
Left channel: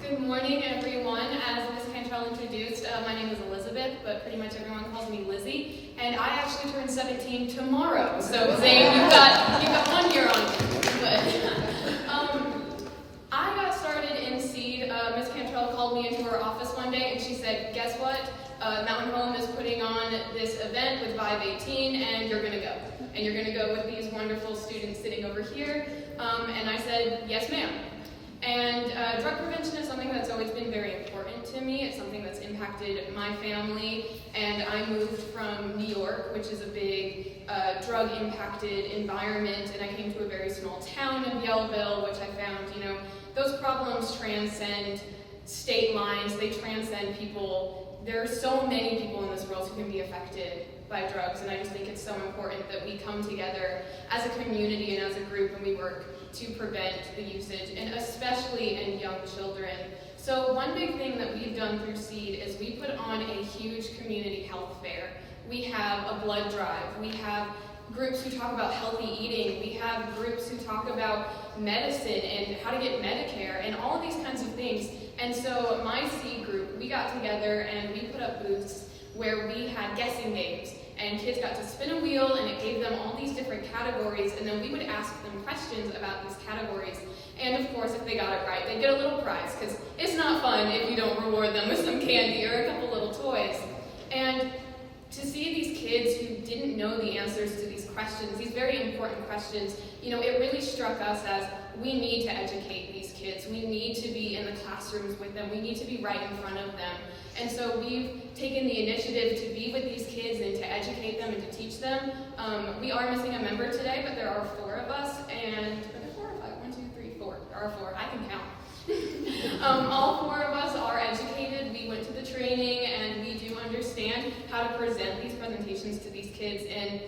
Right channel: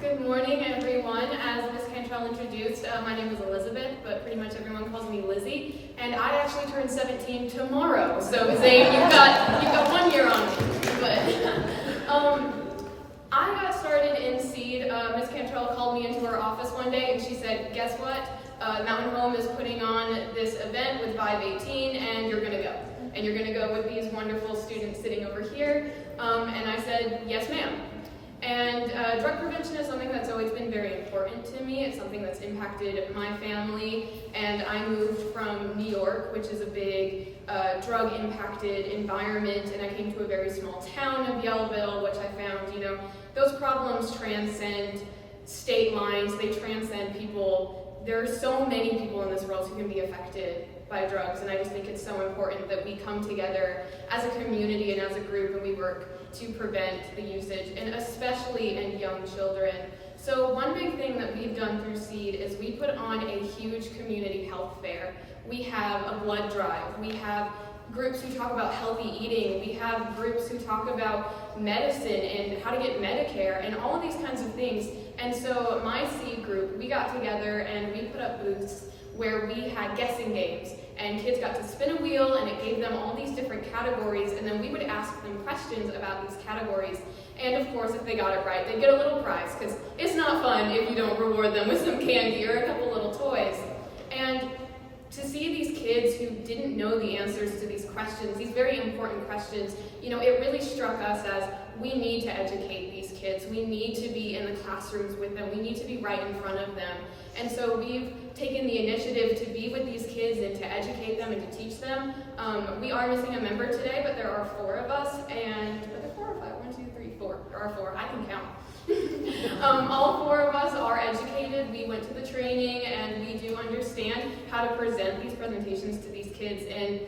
Good morning, everyone. As Ms. Cantrell introduced, my name is Elizabeth, but pretty much everyone calls me Lizzie. And I actually turn 17 tomorrow. So Zane, you've got 1 year on me. But I got started in Seed. Ms. Cantrell called me into her office one day and she said, "Guess what? Mountain Home is putting on this event with Vibe 18, and you're gonna go. And you're gonna go with these wonderful students sitting over here." And I said, "Yes, ma'am." And drug prevention is something that's always been very important to me. It's something that's impacted my family. And I moved from New York, which is a big drug-impacted environment, and I came to a very small town of Yellville, which I found, those problems transcend state lines. They transcend people. There are so many people in this world who can be affected by drugs, and I just think it's so important that we come together as a community and as a group, and we work to prevent the usage, and especially in young children. So one big thing that we've done through Seed is we put on a huge community health fair. We have a blood drive. We have groups who talk about healthy eating. We have groups who talk about medicine and how to get Medicare and all of these kinds of things. And so my Seed group, we got together and we put up booths where we had guessing games, and kids got to spin a wheel and it gave them all these different categories, and then we would ask them questions about these categories. And of course, if they got it right, they'd get a little prize, because it's not fun if you don't reward them with some candy or a couple little toys. And to see these kids who didn't know the answers to these questions, these very important questions, it really struck us as we need to educate these kids. We need to be in the classrooms with them. We need to be right in front of them. And so we've taken the initiative to be with these kids and to educate them and to teach them. We are missing a member today, but there are 4 of us. And are there 4 or 5? 1, 2, 3, 4. There are 4. I can count. All 4 of us are educated. We went went to the training and we do understand how to present these presentations to these kids. And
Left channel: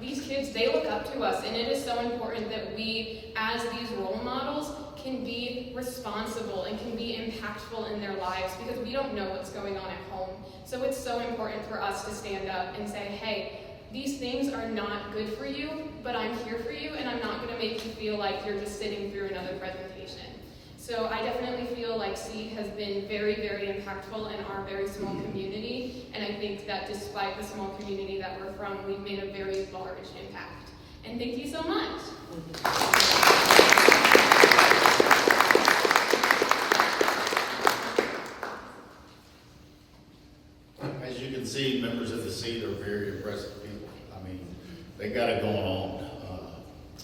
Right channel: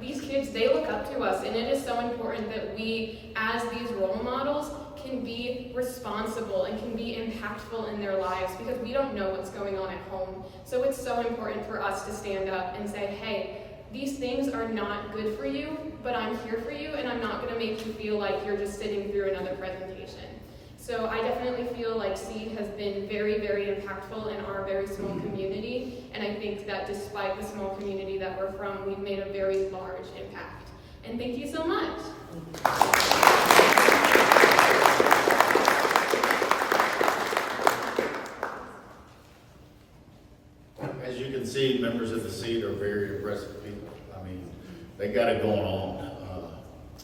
these kids, they look up to us, and it is so important that we, as these role models, can be responsible and can be impactful in their lives, because we don't know what's going on at home. So it's so important for us to stand up and say, hey, these things are not good for you, but I'm here for you, and I'm not going to make you feel like you're just sitting through another presentation. So I definitely feel like SEED has been very, very impactful in our very small community, and I think that despite the small community that we're from, we've made a very large impact. And thank you so much. As you can see, members of the SEED are very impressive people. I mean, they got it going on.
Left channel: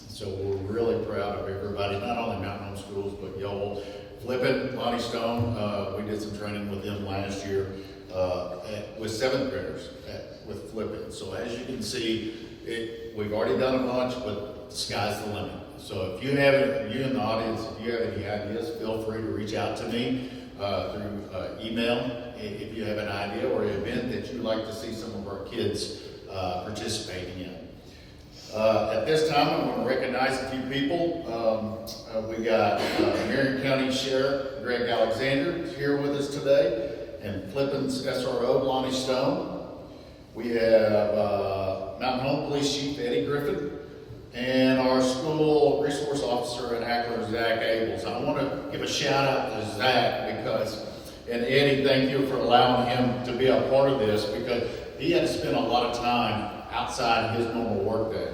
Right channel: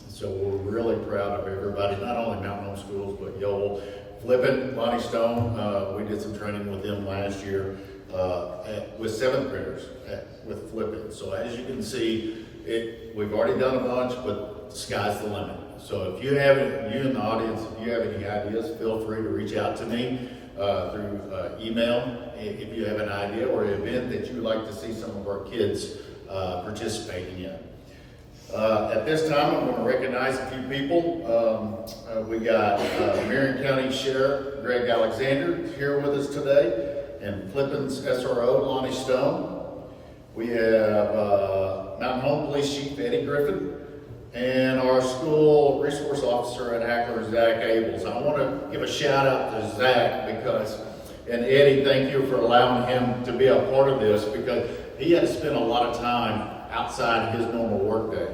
So we're really proud of everybody, not only Mountain Home Schools, but Yoel, Flippin, Lonnie Stone. We did some training with them last year with 7th graders with Flippin. So as you can see, we've already done a bunch, but the sky's the limit. So if you in the audience, if you have any ideas, feel free to reach out to me through email if you have an idea or an event that you'd like to see some of our kids participating in. At this time, I'm going to recognize a few people. We got Marion County Sheriff Greg Alexander here with us today, and Flippin's SRO Lonnie Stone. We have Mountain Home Police Chief Eddie Griffin, and our school resource officer at Hackler, Zach Abels. I want to give a shout out to Zach and Eddie, thank you for allowing him to be a part of this, because he had to spend a lot of time outside his normal work day.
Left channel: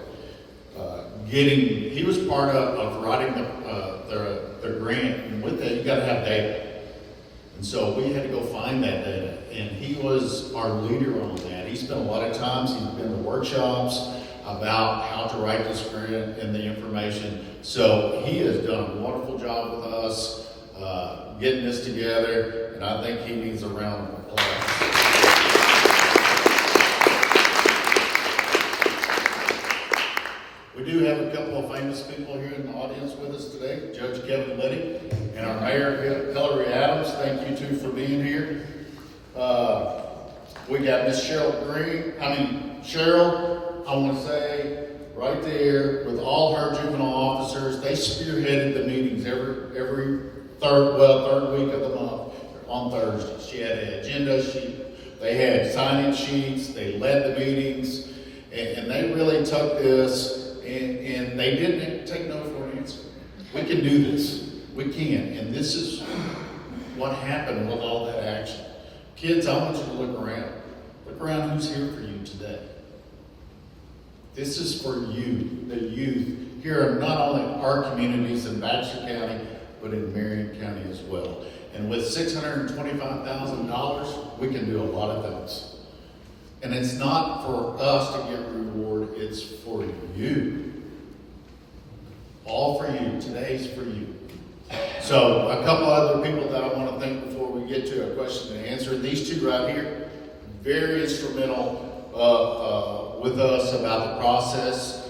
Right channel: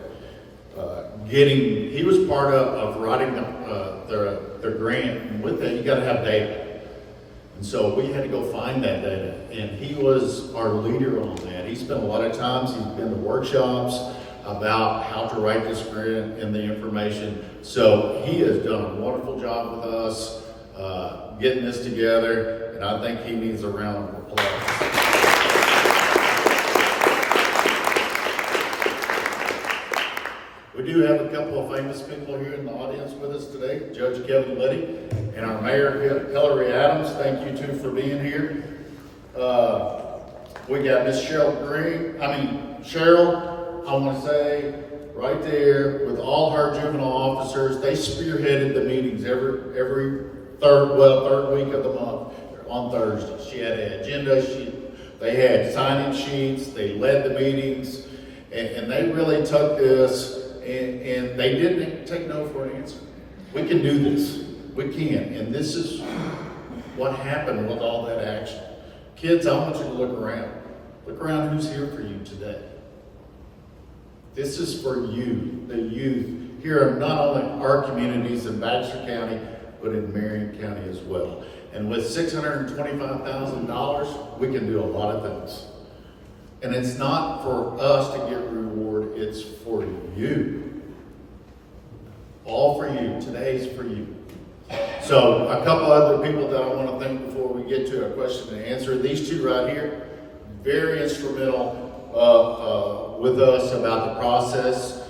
He was part of writing the grant, and with that you got to have data. And so we had to go find that data, and he was our leader on that. He spent a lot of times, he's been to workshops about how to write this grant and the information. So he has done a wonderful job with us getting this together, and I think he needs a round of applause. We do have a couple of famous people here in the audience with us today. Judge Kevin Liddy and our Mayor Hillary Adams. Thank you two for being here. We got Miss Cheryl, I want to say right there with all her juvenile officers, they spearheaded the meetings every third week of the month on Thursday. She had an agenda sheet, they had sign-in sheets, they led the meetings, and they really took this. And they didn't take no for an answer. We can do this. We can. And this is what happened with all that action. Kids, I want you to look around. Look around who's here for you today. This is for you, the youth, here in not only our communities in Baxter County, but in Marion County as well. And with $625,000, we can do a lot of things. And it's not for us to get reward, it's for you. All for you. Today's for you. So a couple other people that I want to thank before we get to a question and answer. These two right here, very instrumental with us about the process.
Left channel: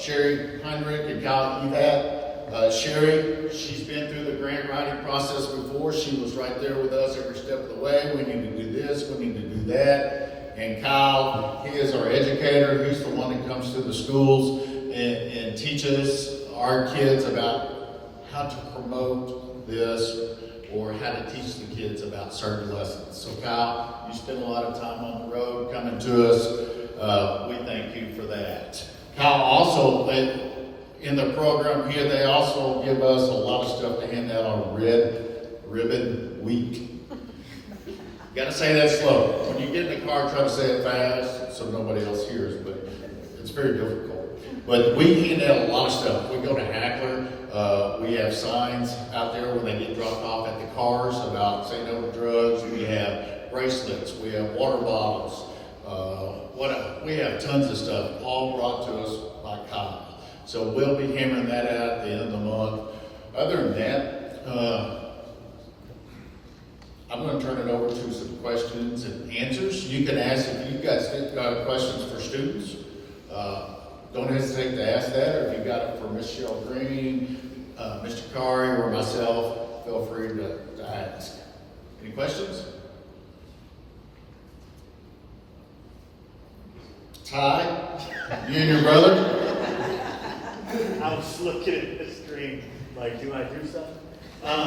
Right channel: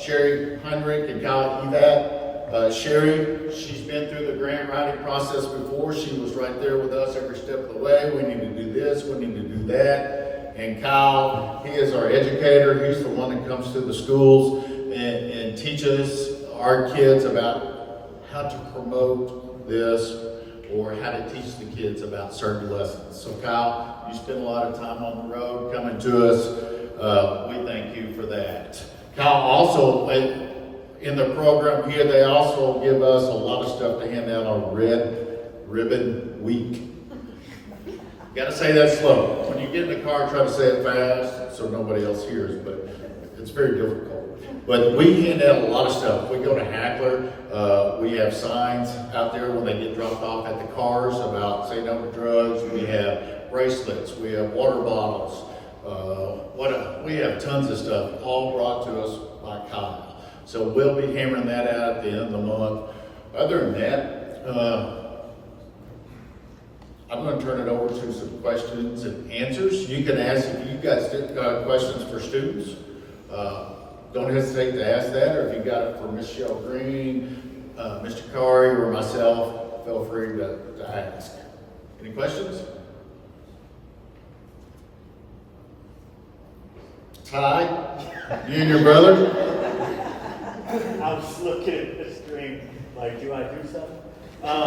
Sherry Heinrich and Kyle Evat. Sherry, she's been through the grant writing process before. She was right there with us every step of the way. We need to do this, we need to do that. And Kyle, he is our educator. He's the one that comes to the schools and teaches our kids about how to promote this or how to teach the kids about certain lessons. So Kyle, you spend a lot of time on the road coming to us. We thank you for that. Kyle also, in the program here, they also give us a lot of stuff to hand out on Red Ribbon Week. Got to say that slow. When you get in the car, try to say it fast so nobody else hears, but it's very difficult. But we hand out a lot of stuff. We go to Hackler. We have signs out there when they get dropped off at the cars about say no to drugs. We have bracelets. We have water bottles. We have tons of stuff all brought to us by Kyle. So we'll be hammering that out at the end of the month. Other than that, I'm going to turn it over to some questions and answers. You can ask if you've got questions for students. Don't hesitate to ask that, or if you've got it for Ms. Shell Green, Mr. Kari, or myself, feel free to ask. Any questions? Ty, you and your brother? I was looking at the screen, like, do I do something? I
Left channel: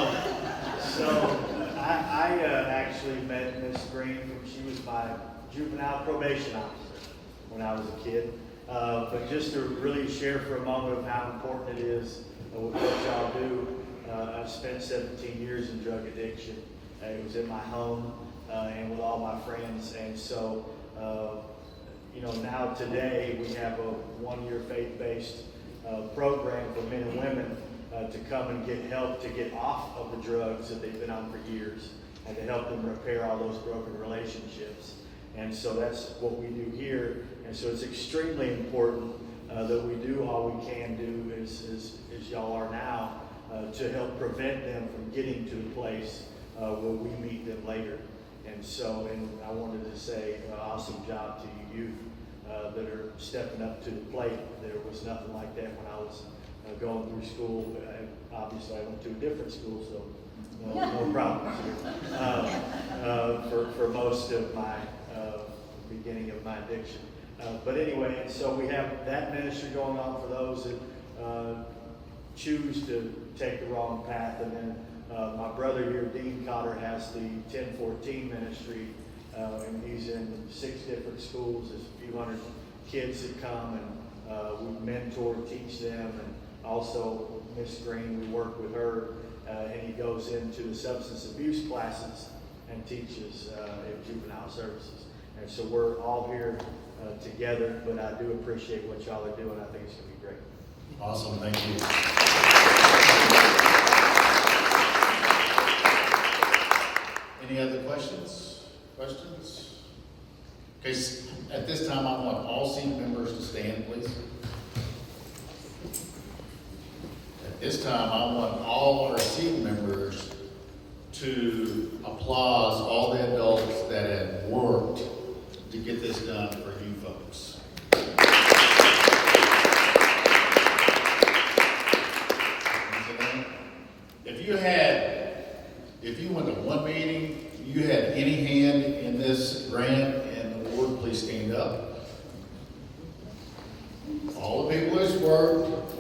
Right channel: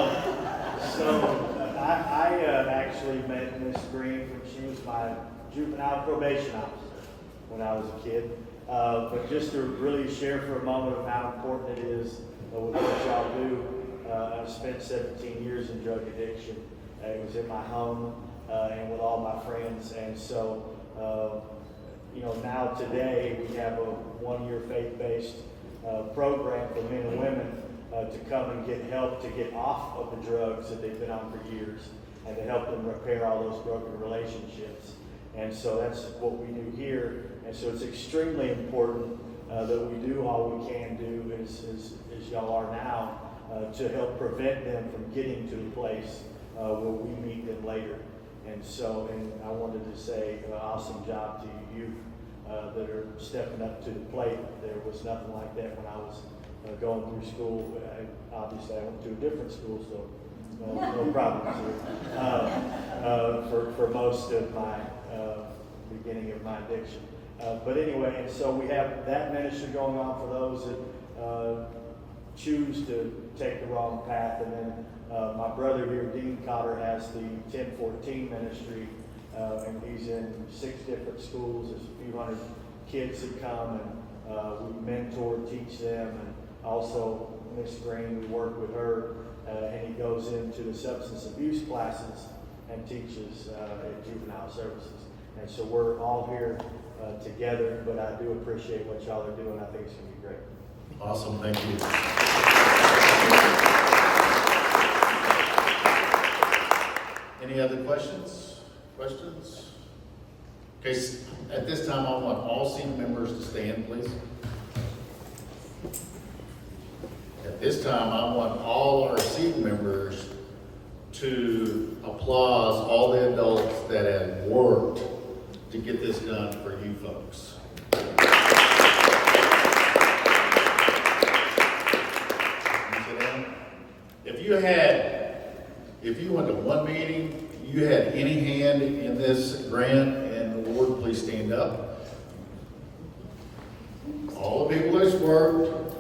actually met Miss Green when she was my juvenile probation officer when I was a kid. But just to really share for a moment of how important it is with what y'all do, I spent 17 years in drug addiction. It was in my home and with all my friends. And so, now today we have a one-year faith-based program for men and women to come and get help to get off of the drugs that they've been on for years and to help them repair all those broken relationships. And so that's what we do here. And so it's extremely important that we do all we can do as y'all are now to help prevent them from getting to the place where we meet them later. And so, and I wanted to say awesome job to you youth that are stepping up to the plate. There was nothing like that when I was going through school. Obviously, I went to a different school, so no problems here for most of my beginning of my addiction. But anyway, and so we have that ministry going on for those that choose to take the wrong path. And then my brother here, Dean Cotter, has the 1014 ministry, and he's in 6 different schools. There's a few hundred kids that come, and we mentor, teach them, and also Miss Green, we work with her, and he goes into the substance abuse classes and teaches at juvenile services. And so we're all here together, but I do appreciate what y'all are doing. I think it's going to be great. Awesome, thank you. Any other questions? Okay, at this time, I want all seat members to stand, please. At this time, I want all our seat members to applaud all the adults that have worked to get this done for you folks. If you went to one meeting, you had any hand in this grant in the Lord, please stand up. All the people who's worked.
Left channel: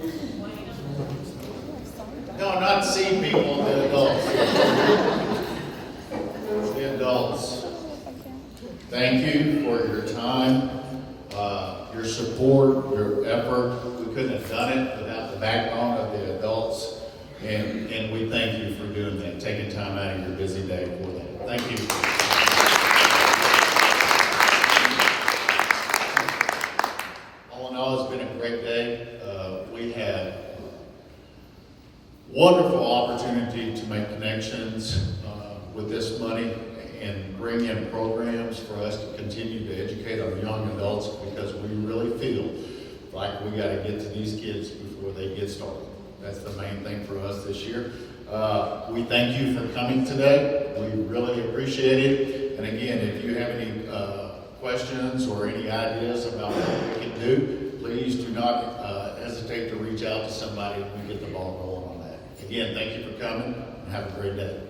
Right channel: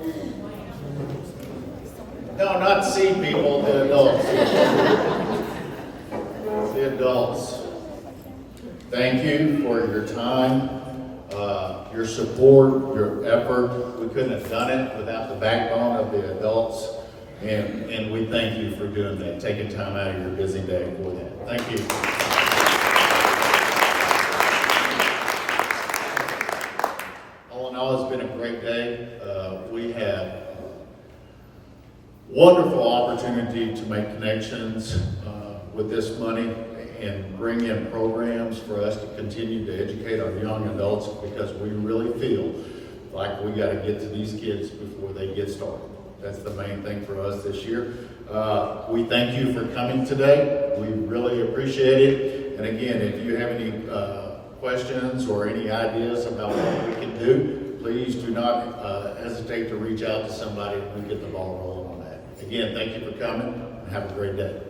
No, not C people, the adults. The adults. Thank you for your time, your support, your effort. We couldn't have done it without the backbone of the adults. And we thank you for doing that, taking time out of your busy day for that. Thank you. All in all, it's been a great day. We had wonderful opportunity to make connections with this money and bring in programs for us to continue to educate our young adults, because we really feel like we got to get to these kids before they get started. That's the main thing for us this year. We thank you for coming today. We really appreciate it. And again, if you have any questions or any ideas about what we can do, please do not hesitate to reach out to somebody and we get the ball rolling on that. Again, thank you for coming and have a great day.